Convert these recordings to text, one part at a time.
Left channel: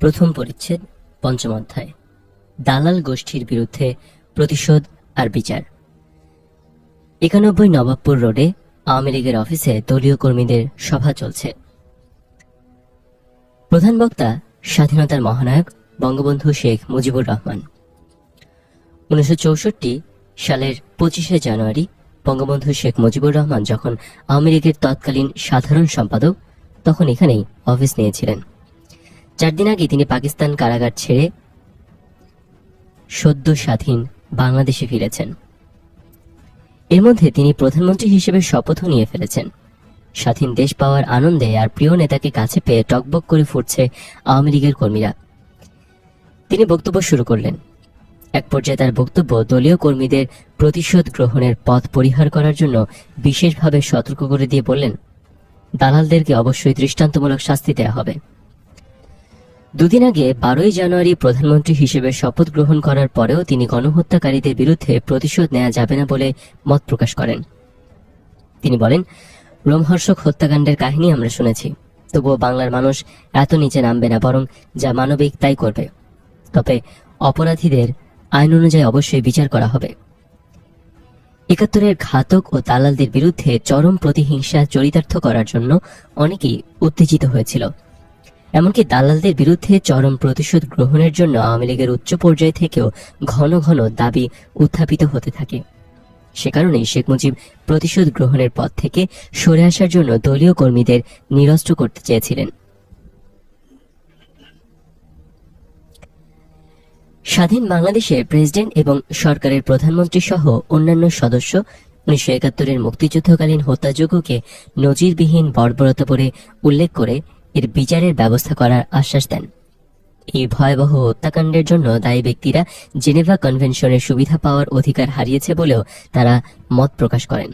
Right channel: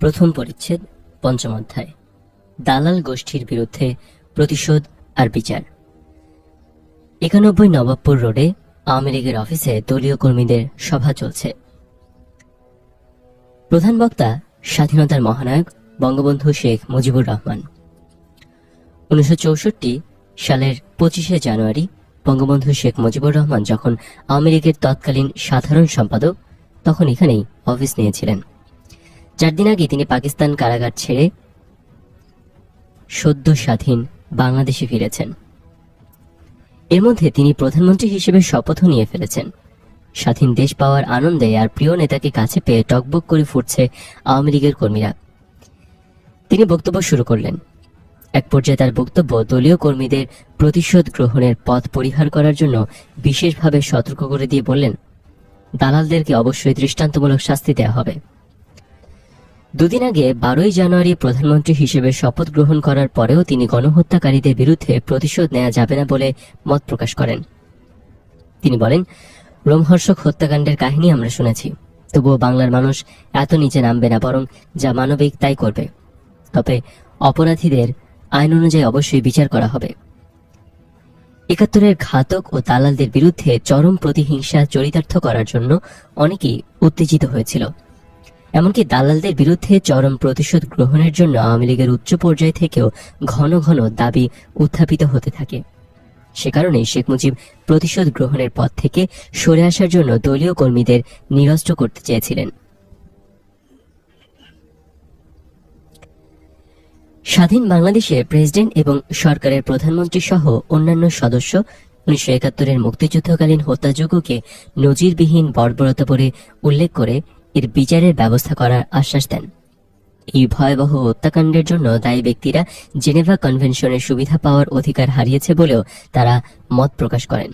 প্রথম পরিচ্ছেদ, পঞ্চম অধ্যায়। দালাল গোষ্ঠীর বিরুদ্ধে প্রতিশোধ আর বিচার। ৯১ নবাবপুর রোডে আওয়ামী লীগের অফিসে দলীয় কর্মীদের সভা চলছে। প্রধান বক্তা স্বাধীনতার মহানায়ক বঙ্গবন্ধু শেখ মুজিবুর রহমান। ১৯৬৪ সালের ২৫শে জানুয়ারি বঙ্গবন্ধু শেখ মুজিবুর রহমান যখন আওয়ামী লীগের তৎকালীন সাধারণ সম্পাদক, তখন এখানেই অফিস নিয়েছিলেন। ৪ দিন আগে তিনি পাকিস্তান কারাগার ছেড়ে সদ্য স্বাধীন বাংলাদেশে ফিরেছেন। এর মধ্যে তিনি প্রধানমন্ত্রী হিসেবে শপথও নিয়ে ফেলেছেন। স্বাধীন দেশ পাওয়ার আনন্দে আর প্রিয় নেতাকে কাছে পেয়ে টকবক করে ফুটছে আওয়ামী লীগের কর্মীরা। তিনি বক্তব্য শুরু করলেন। এক পর্যায়ে তার বক্তব্য দলীয় কর্মীদের প্রতিশোধ গ্রহণের পথ পরিহার করার জন্য বিশেষভাবে সতর্ক করে দিয়ে বললেন, দালালদেরকে অবশ্যই দৃষ্টান্তমূলক শাস্তি দেওয়া হবে। দুদিন আগে ১২ই জানুয়ারি প্রধানমন্ত্রী হিসেবে শপথ গ্রহণ করার পরেও তিনি গণহত্যাকারীদের বিরুদ্ধে প্রতিশোধ নেওয়া যাবে না বলে মত প্রকাশ করেন। তিনি বলেন, রোমহর্ষক হত্যাকাণ্ডের কাহিনী আমরা শুনেছি, তবুও বাংলার মানুষ এত নিচে নামবে না, বরং যা মানবিক তাই করবে। তবে অপরাধীদের আইন অনুযায়ী অবশ্যই বিচার করা হবে। ৭১-এর ঘাতক ও দালালদের বিরুদ্ধে চরম প্রতিহিংসা চরিতার্থ করার জন্য অনেকেই উত্তেজিত হয়েছিল। এমনকি দালালদের বিরুদ্ধে চরম প্রতিশোধ গ্রহণের জন্য আওয়ামী লীগের উচ্চ পর্যায় থেকেও ঘন ঘন দাবি উত্থাপিত হতে থাকে। সে কারণেই শেখ মুজিব প্রতিশোধ গ্রহণের পথ থেকে সরে আসার জন্য দলীয় কর্মীদের নিরস্ত্র করতে চেয়েছিলেন। স্বাধীন বাংলাদেশে প্রেসিডেন্ট এবং সরকারের প্রধানমন্ত্রী সহ অন্যান্য সদস্য ১৯৭১-এর মুক্তিযুদ্ধকালীন হত্যাযজ্ঞকে নজিরবিহীন বর্বরতা বলে উল্লেখ করে এর বিচারের ব্যবস্থা করার আশ্বাস দেন। এই ভয়াবহ হত্যাকাণ্ডের জন্য দায়ী ব্যক্তিরা জেনেভা কনভেনশনের সুবিধা পাওয়ার অধিকার হারিয়েছে বলেও তারা মত প্রকাশ করেন।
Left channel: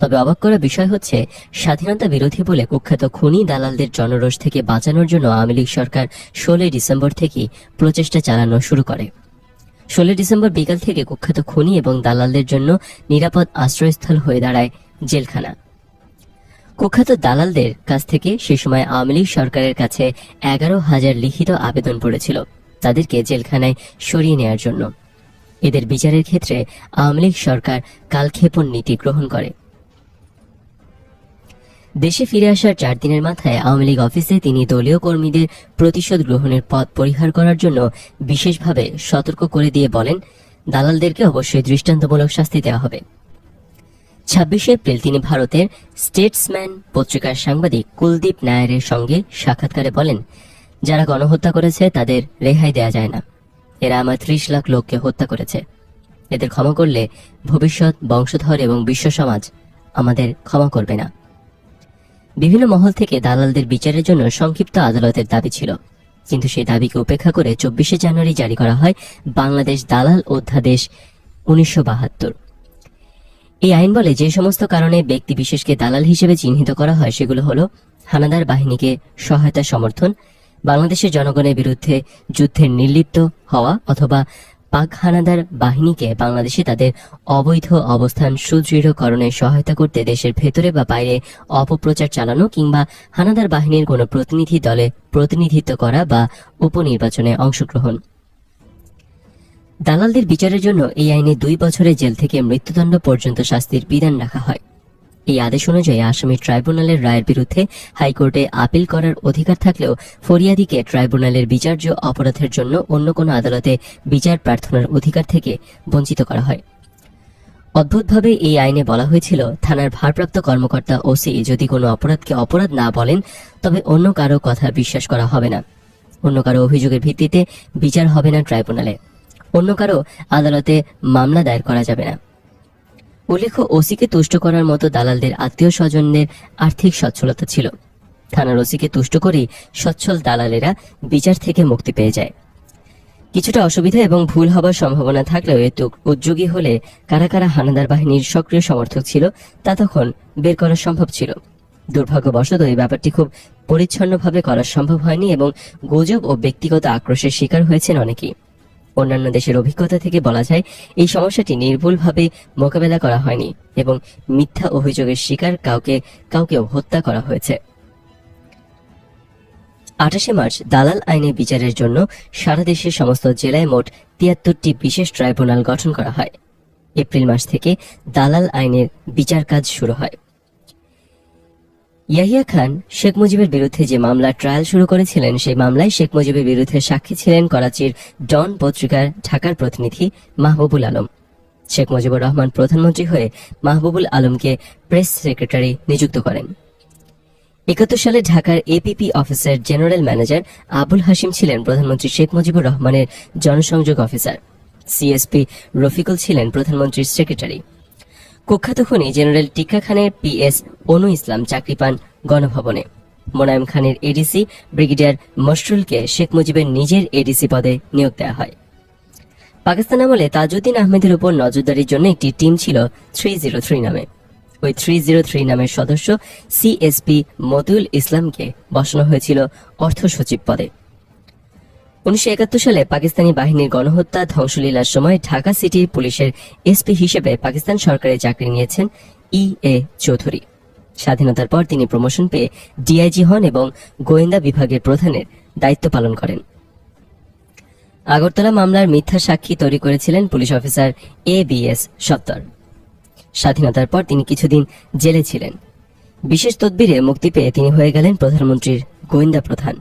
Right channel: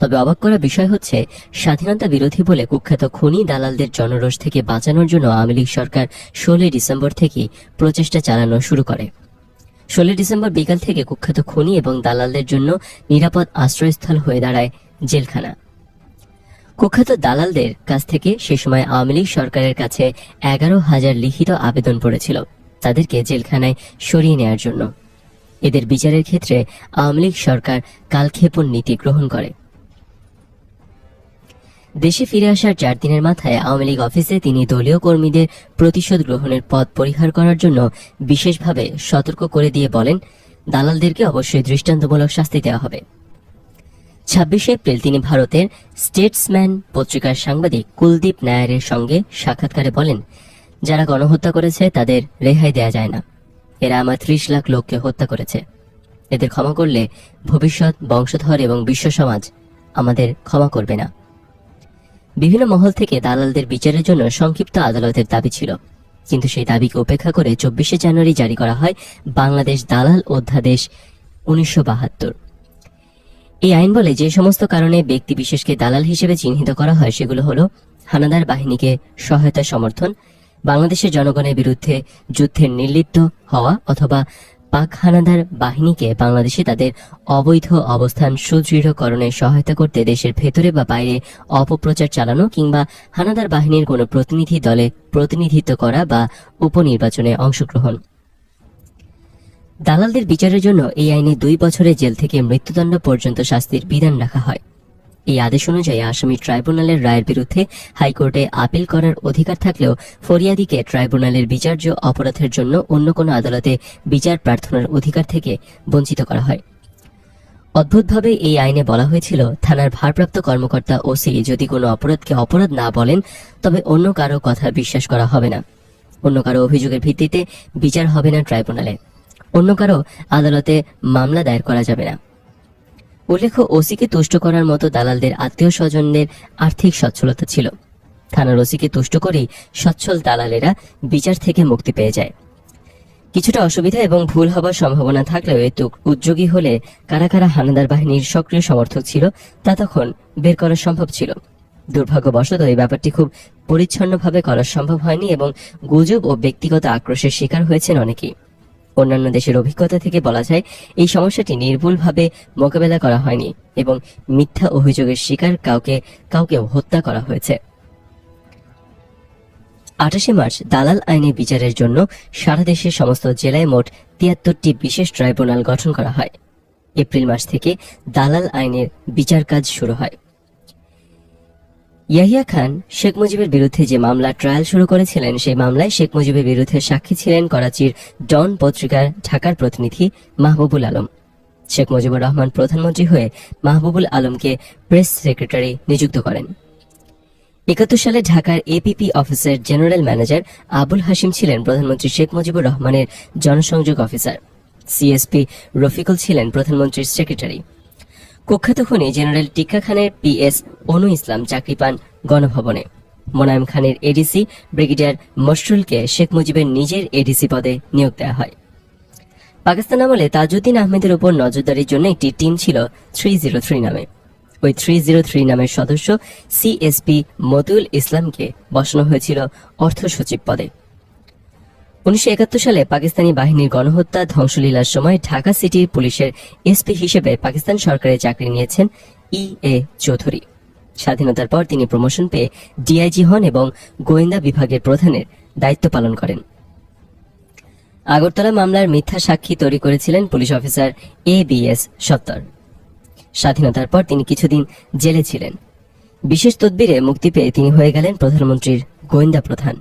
তবে অবাক করা বিষয় হচ্ছে, স্বাধীনতা বিরোধী বলে কুখ্যাত খুনি দালালদের জনরোষ থেকে বাঁচানোর জন্য আওয়ামী লীগ সরকার ১৬ ডিসেম্বর থেকে প্রচেষ্টা চালানো শুরু করে। ১৬ ডিসেম্বর বিকাল থেকে কুখ্যাত খুনি এবং দালালদের জন্য নিরাপদ আশ্রয়স্থল হয়ে দাঁড়ায় জেলখানা। কুখ্যাত দালালদের কাছ থেকে সে সময় আওয়ামী লীগ সরকারের কাছে ১১,০০০ লিখিত আবেদন পড়েছিল তাদেরকে জেলখানায় সরিয়ে নেয়ার জন্য। এদের বিচারের ক্ষেত্রে আওয়ামী লীগ সরকার কালক্ষেপণ নীতি গ্রহণ করে। দেশে ফিরে আসার ৪ দিনের মাথায় আওয়ামী লীগ অফিসে তিনি দলীয় কর্মীদের প্রতিশোধ গ্রহণের পথ পরিহার করার জন্য বিশেষভাবে সতর্ক করে দিয়ে বলেন, দালালদেরকে অবশ্যই দৃষ্টান্তমূলক শাস্তি দেওয়া হবে। ২৬শে এপ্রিল তিনি ভারতের স্টেটসম্যান পত্রিকার সাংবাদিক কুলদীপ নায়ারের সঙ্গে সাক্ষাৎকারে বলেন, যারা গণহত্যা করেছে তাদের রেহাই দেয়া যায় না। এরা আমার ৩০ লাখ লোককে হত্যা করেছে। এদের ক্ষমা করলে ভবিষ্যৎ বংশধর এবং বিশ্ব সমাজ আমাদের ক্ষমা করবে না। বিভিন্ন মহল থেকে দালালদের বিচারের জন্য সংক্ষিপ্ত আদালতের দাবি ছিল, কিন্তু সেই দাবিকে উপেক্ষা করে ২৪শে জানুয়ারি জারি করা হয় বাংলাদেশ দালাল অধ্যাদেশ ১৯৭২। এই আইন বলে, যে সমস্ত কারণে ব্যক্তি বিশেষকে দালাল হিসেবে চিহ্নিত করা হয় সেগুলো হলো হানাদার বাহিনীকে সহায়তা সমর্থন, বাংলাদেশের জনগণের বিরুদ্ধে যুদ্ধের নির্লিপ্ত হওয়া অথবা পাক হানাদার বাহিনীকে বাংলাদেশে তাদের অবৈধ অবস্থান সুদৃঢ়করণে সহায়তা করতে দেশের ভেতরে বা বাইরে অপপ্রচার চালানো, কিংবা হানাদার বাহিনীর কোনো প্রতিনিধি দলে প্রতিনিধিত্ব করা বা উপনির্বাচনে অংশগ্রহণ। দালালদের বিচারের জন্য এই আইনে ২ বছরের জেল থেকে মৃত্যুদণ্ড পর্যন্ত শাস্তির বিধান রাখা হয়। এই আদেশ অনুযায়ী আসামি ট্রাইব্যুনালের রায়ের বিরুদ্ধে হাইকোর্টে আপিল করার অধিকার থাকলেও ফরিয়াদিকে ট্রাইব্যুনালের বিচার্য অপরাধের জন্য অন্য কোনো আদালতে বিচার প্রার্থনার অধিকার থেকে বঞ্চিত করা হয়। অদ্ভুতভাবে এই আইনে বলা হয়েছিল, থানার ভারপ্রাপ্ত কর্মকর্তা ওসি যদি কোনো অপরাধকে অপরাধ না বলেন তবে অন্য কারো কথা বিশ্বাস করা হবে না। অন্য কারো অভিযোগের ভিত্তিতে বিচার হবে না ট্রাইব্যুনালে। অন্য কারো আদালতে মামলা দায়ের করা যাবে না। উল্লেখ্য, ওসিকে তুষ্ট করার মতো দালালদের আত্মীয় স্বজনদের আর্থিক সচ্ছলতা ছিল। থানার ওসিকে তুষ্ট করেই সচ্ছল দালালেরা বিচার থেকে মুক্তি পেয়ে যায়। কিছুটা অসুবিধা এবং ভুল হবার সম্ভাবনা থাকলেও এত উদ্যোগী হলে কারা কারা হানাদার বাহিনীর সক্রিয় সমর্থক ছিল তা তখন বের করা সম্ভব ছিল। দুর্ভাগ্যবশত এই ব্যাপারটি খুব পরিচ্ছন্নভাবে করা সম্ভব হয়নি এবং গুজব ও ব্যক্তিগত আক্রোশের শিকার হয়েছেন অনেকেই। অন্যান্য দেশের অভিজ্ঞতা থেকে বলা যায়, এই সমস্যাটি নির্ভুলভাবে মোকাবেলা করা হয়নি এবং মিথ্যা অভিযোগের শিকার কাউকে হত্যা করা হয়েছে। 28 মার্চ দালাল আইনে বিচারের জন্য সারা দেশের সমস্ত জেলায় মোট 73টি বিশেষ ট্রাইব্যুনাল গঠন করা হয়। এপ্রিল মাস থেকে দালাল আইনের বিচার কাজ শুরু হয়। ইয়াহিয়া খান শেখ মুজিবের বিরুদ্ধে যে মামলা ট্রায়াল শুরু করেছিলেন, সেই মামলায় শেখ মুজিবের বিরুদ্ধে সাক্ষী ছিলেন করাচির ডন পত্রিকার ঢাকার প্রতিনিধি মাহবুবুল আলম। শেখ মুজিবুর রহমান প্রধানমন্ত্রী হয়ে মাহবুবুল আলমকে প্রেস সেক্রেটারি নিযুক্ত করেন। 71 সালে ঢাকার এপিপি অফিসের জেনারেল ম্যানেজার আবুল হাশিম ছিলেন প্রধানমন্ত্রী শেখ মুজিবুর রহমানের জনসংযোগ অফিসার। সিএসপি রফিকুল ছিলেন প্রধানমন্ত্রীর সেক্রেটারি। কুখ্যাত খুনি জেনারেল টিক্কা খানের পিএস অনু ইসলাম চাকরি পান গণভবনে। মোনায়েম খানের এডিসি ব্রিগেডিয়ার মশরুলকে শেখ মুজিবের নিজের এডিসি পদে নিয়োগ দেওয়া হয়। পাকিস্তান আমলে তাজউদ্দিন আহমেদের উপর নজরদারির জন্য একটি টিম ছিল 303 নামে। ওই 303 নামের সদস্য সিএসপি মতিউল ইসলামকে বসানো হয়েছিল অর্থ সচিব পদে। 1971 সালে পাকিস্তানি বাহিনীর গণহত্যা ধ্বংসলীলার সময় ঢাকা সিটি পুলিশের এসপি হিসেবে পাকিস্তান সরকারের চাকরি নিয়েছেন এ চৌধুরী। স্বাধীনতার পর তিনি প্রমোশন পেয়ে ডিআইজি হন এবং গোয়েন্দা বিভাগের প্রধানের দায়িত্ব পালন করেন। আগরতলা মামলার মিথ্যা সাক্ষী তৈরি করেছিলেন পুলিশ অফিসার ABS সত্তর। স্বাধীনতার পর তিনি কিছুদিন জেলে ছিলেন। বিশেষ তদবিরে মুক্তি পেয়ে তিনি হয়ে গেলেন প্রধানমন্ত্রীর গোয়েন্দা প্রধান।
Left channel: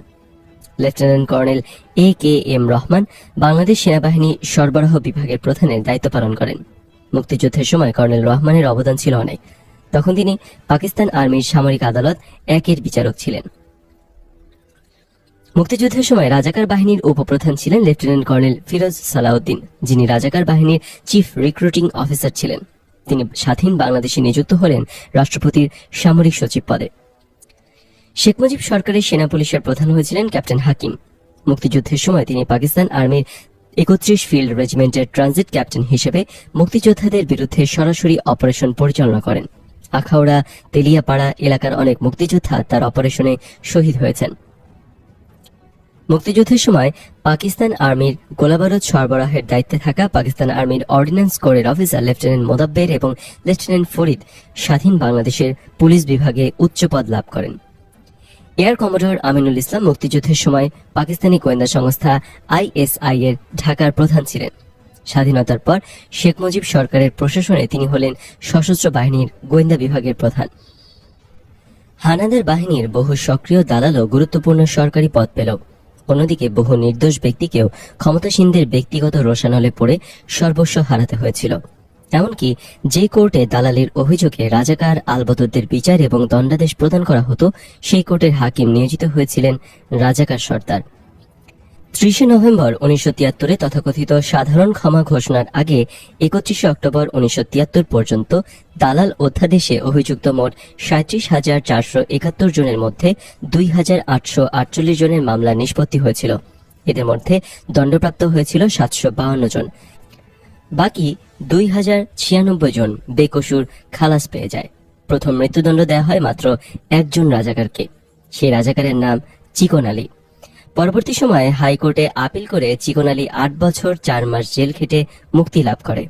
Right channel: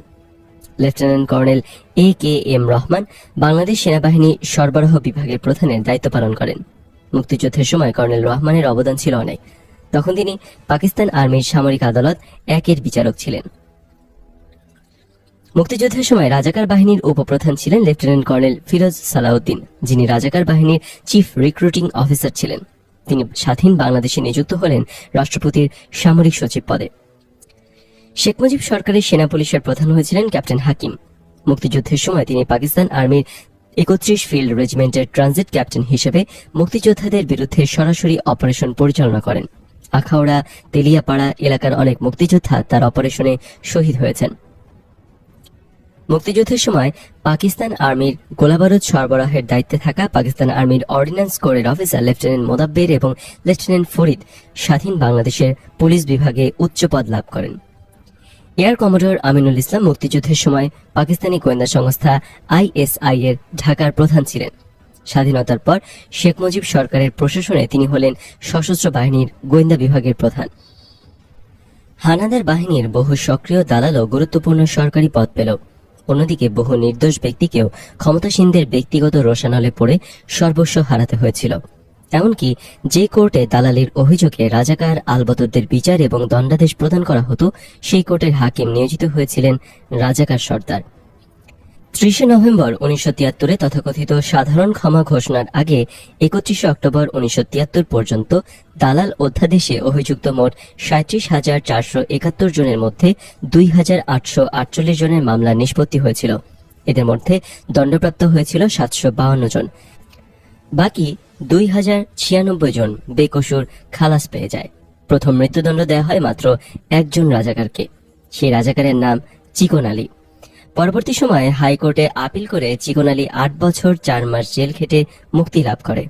Lieutenant colonel AKM Rahman Bangladesh সেনাবাহিনী সরবরাহ বিভাগের প্রধানের দায়িত্ব পালন করেন। মুক্তিযুদ্ধের সময় কর্নেল রহমানের অবদান ছিল অনেক। তখন তিনি পাকিস্তান আর্মির সামরিক আদালত 1-এর বিচারক ছিলেন। মুক্তিযুদ্ধের সময় রাজাকার বাহিনীর উপপ্রধান ছিলেন লেফটেন্যান্ট কর্নেল ফিরোজ সালাউদ্দিন, যিনি রাজাকার বাহিনীর চিফ রিক্রুটিং অফিসার ছিলেন। তিনি স্বাধীন বাংলাদেশে নিযুক্ত হলেন রাষ্ট্রপতির সামরিক সচিব পদে। শেখ মুজিব সরকারের সেনা পুলিশের প্রধান হয়েছিলেন ক্যাপ্টেন হাকিম। মুক্তিযুদ্ধের সময় তিনি পাকিস্তান আর্মির 31 ফিল্ড রেজিমেন্টের ট্রানজিট ক্যাপ্টেন হিসেবে মুক্তিযোদ্ধাদের বিরুদ্ধে সরাসরি অপারেশন পরিচালনা করেন। আখাউড়া, তেলিয়াপাড়া এলাকার অনেক মুক্তিযোদ্ধা তার অপারেশনে শহীদ হয়েছেন। মুক্তিযুদ্ধের সময় পাকিস্তান আর্মির গোলাবারুদ সরবরাহের দায়িত্বে থাকা পাকিস্তান আর্মির অর্ডিন্যান্স কোরের অফিসার লেফটেন্যান্ট মোদাব্বের এবং লেফটেন্যান্ট ফরিদ স্বাধীন বাংলাদেশের পুলিশ বিভাগে উচ্চ পদ লাভ করেন। এয়ার কমোডর আমিনুল ইসলাম মুক্তিযুদ্ধের সময় পাকিস্তানি গোয়েন্দা সংস্থা ISI এর ঢাকার প্রধান ছিলেন। স্বাধীনতার পর শেখ মুজিব সরকারের প্রশাসনে তিনি হলেন সশস্ত্র বাহিনীর গোয়েন্দা বিভাগের প্রধান। হানাদার বাহিনীর বহু সক্রিয় দালালও গুরুত্বপূর্ণ সরকারি পদ পেল। অন্যদিকে বহু নির্দোষ ব্যক্তিকেও ক্ষমতাসীনদের ব্যক্তিগত রোষানলে পড়ে সর্বস্ব হারাতে হয়েছিল। এমনকি যে কোর্টে দালালির অভিযোগে রাজাকার আলবদরদের বিচার এবং দণ্ডাদেশ প্রদান করা হতো, সেই কোর্টের হাকিম নিয়োজিত হয়েছিলেন রাজাকার সর্দার। 30 নভেম্বর 1973 তথাকথিত সাধারণ ক্ষমা ঘোষণার আগে 31 অক্টোবর 1973 পর্যন্ত দালাল অধ্যাদেশে অভিযুক্ত মোট 37,471 জনের মধ্যে 2,848 জনের মামলা নিষ্পত্তি হয়েছিল। এদের মধ্যে দণ্ডপ্রাপ্ত হয়েছিল 752 জন। বাকি 2,096 জন বেকসুর খালাস পেয়ে যায়। প্রথম মৃত্যুদণ্ড দেওয়া হয় মাত্র একজন রাজাকারকে। সেই রাজাকারের নাম চিকন আলী। পরবর্তী সময়ে হাইকোর্টে আপিল করে চিকন আলী 8 বছর 4 মাস জেল খেটে মুক্তি লাভ করে।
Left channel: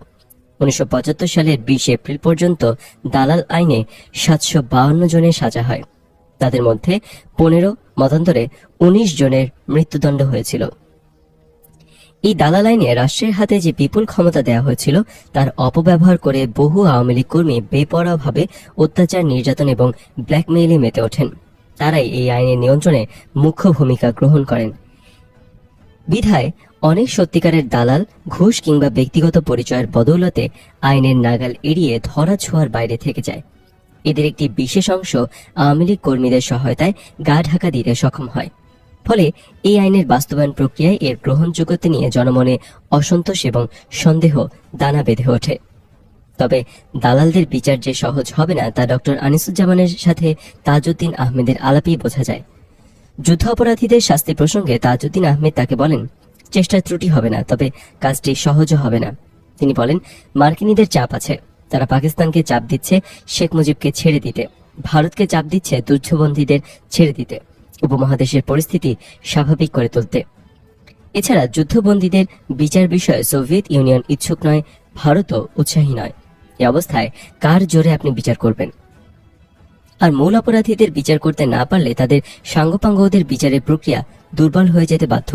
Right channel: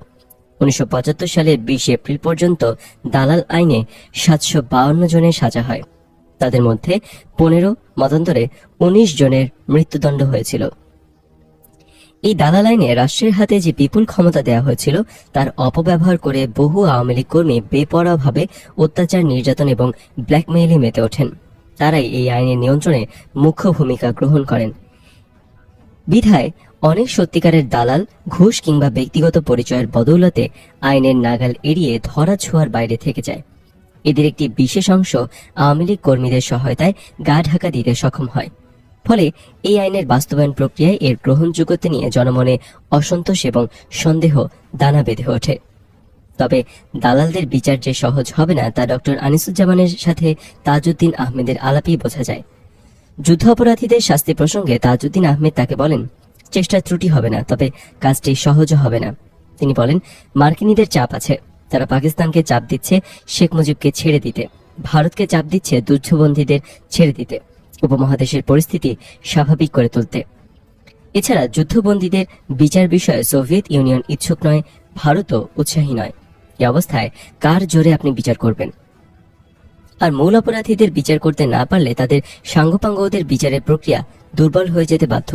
1975 সালের 20 এপ্রিল পর্যন্ত দালাল আইনে 752 জনের সাজা হয়। তাদের মধ্যে 15 মতান্তরে 19 জনের মৃত্যুদণ্ড হয়েছিল। এই দালাল আইনে রাষ্ট্রের হাতে যে বিপুল ক্ষমতা দেওয়া হয়েছিল, তার অপব্যবহার করে বহু আওয়ামী লীগ কর্মী বেপরোয়াভাবে অত্যাচার, নির্যাতন এবং ব্ল্যাকমেইলে মেতে ওঠেন। তারাই এই আইনের নিয়ন্ত্রণে মুখ্য ভূমিকা গ্রহণ করেন। বিধায় অনেক সত্যিকারের দালাল ঘুষ কিংবা ব্যক্তিগত পরিচয়ের বদৌলতে আইনের নাগাল এড়িয়ে ধরা ছোঁয়ার বাইরে থেকে যায়। এদের একটি বিশেষ অংশ আওয়ামী লীগ কর্মীদের সহায়তায় গা ঢাকা দিতে সক্ষম হয়। ফলে এই আইনের বাস্তবায়ন প্রক্রিয়ায় এর গ্রহণযোগ্যতা নিয়ে জনমনে অসন্তোষ এবং সন্দেহ দানা বেঁধে ওঠে। তবে দালালদের বিচার যে সহজ হবে না, তা ডক্টর আনিসুজ্জামানের সাথে তাজউদ্দিন আহমেদের আলাপেই বোঝা যায়। যুদ্ধ অপরাধীদের শাস্তি প্রসঙ্গে তাজউদ্দিন আহমেদ তাকে বলেন, চেষ্টার ত্রুটি হবে না, তবে কাজটি সহজও হবে না। তিনি বলেন, মার্কিনীদের চাপ আছে। তারা পাকিস্তানকে চাপ দিচ্ছে শেখ মুজিবকে ছেড়ে দিতে, ভারতকে চাপ দিচ্ছে যুদ্ধবন্দীদের ছেড়ে দিতে, উপমহাদেশের পরিস্থিতি স্বাভাবিক করে তুলতে। এছাড়া যুদ্ধবন্দীদের বিচার বিষয়ে সোভিয়েত ইউনিয়ন ইচ্ছুক নয়, ভারতও উৎসাহী নয়। এ অবস্থায় কার জোরে আপনি বিচার করবেন? আর মূল অপরাধীদের বিচার করতে না পারলে তাদের সাঙ্গপাঙ্গদের বিচারের প্রক্রিয়া দুর্বল হয়ে যেতে বাধ্য।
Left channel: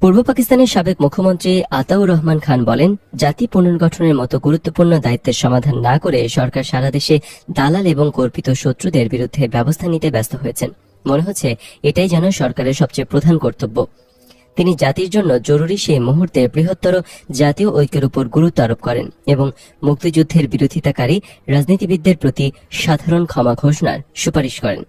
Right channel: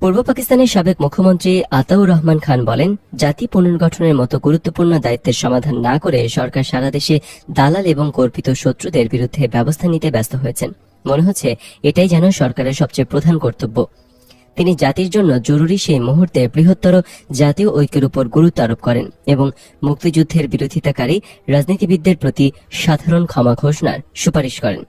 পূর্ব পাকিস্তানের সাবেক মুখ্যমন্ত্রী আতাউর রহমান খান বলেন, জাতি পুনর্গঠনের মতো গুরুত্বপূর্ণ দায়িত্বের সমাধান না করে সরকার সারা দেশে দালাল এবং কল্পিত শত্রুদের বিরুদ্ধে ব্যবস্থা নিতে ব্যস্ত হয়েছেন। মনে হচ্ছে এটাই যেন সরকারের সবচেয়ে প্রধান কর্তব্য। তিনি জাতির জন্য জরুরি সেই মুহূর্তে বৃহত্তর জাতীয় ঐক্যের উপর গুরুত্ব আরোপ করেন এবং মুক্তিযুদ্ধের বিরোধিতাকারী রাজনীতিবিদদের প্রতি সাধারণ ক্ষমা ঘোষণার সুপারিশ করেন।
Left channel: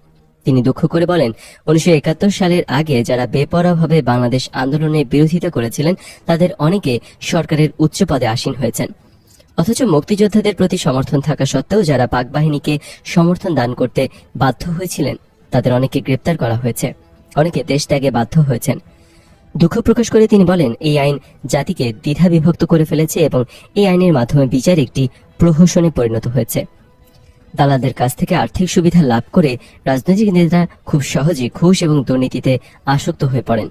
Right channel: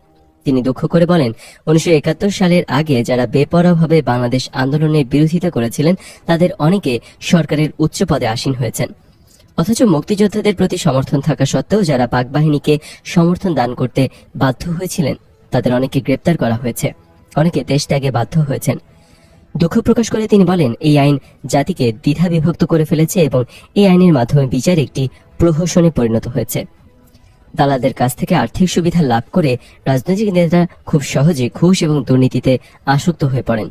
তিনি দুঃখ করে বলেন, 1971 সালের আগে যারা বেপরোয়াভাবে বাংলাদেশ আন্দোলনের বিরোধিতা করেছিলেন তাদের অনেকে সরকারের উচ্চ পদে আসীন হয়েছেন, অথচ মুক্তিযোদ্ধাদের প্রতি সমর্থন থাকা সত্ত্বেও যারা পাক বাহিনীকে সমর্থন দান করতে বাধ্য হয়েছিলেন তাদের অনেকে গ্রেপ্তার করা হয়েছে, অনেকে দেশ ত্যাগে বাধ্য হয়েছেন। দুঃখ প্রকাশ করে তিনি বলেন, এই আইন জাতিকে দ্বিধা বিভক্ত করে ফেলেছে এবং এই আইনের মাধ্যমে বিচার একটি প্রহসনে পরিণত হয়েছে। দালালদের কাছ থেকে আর্থিক সুবিধা লাভ করে রাজনৈতিক নেতারা খুব সহজে ঘুষ এবং দুর্নীতিতে আসক্ত হয়ে পড়েন।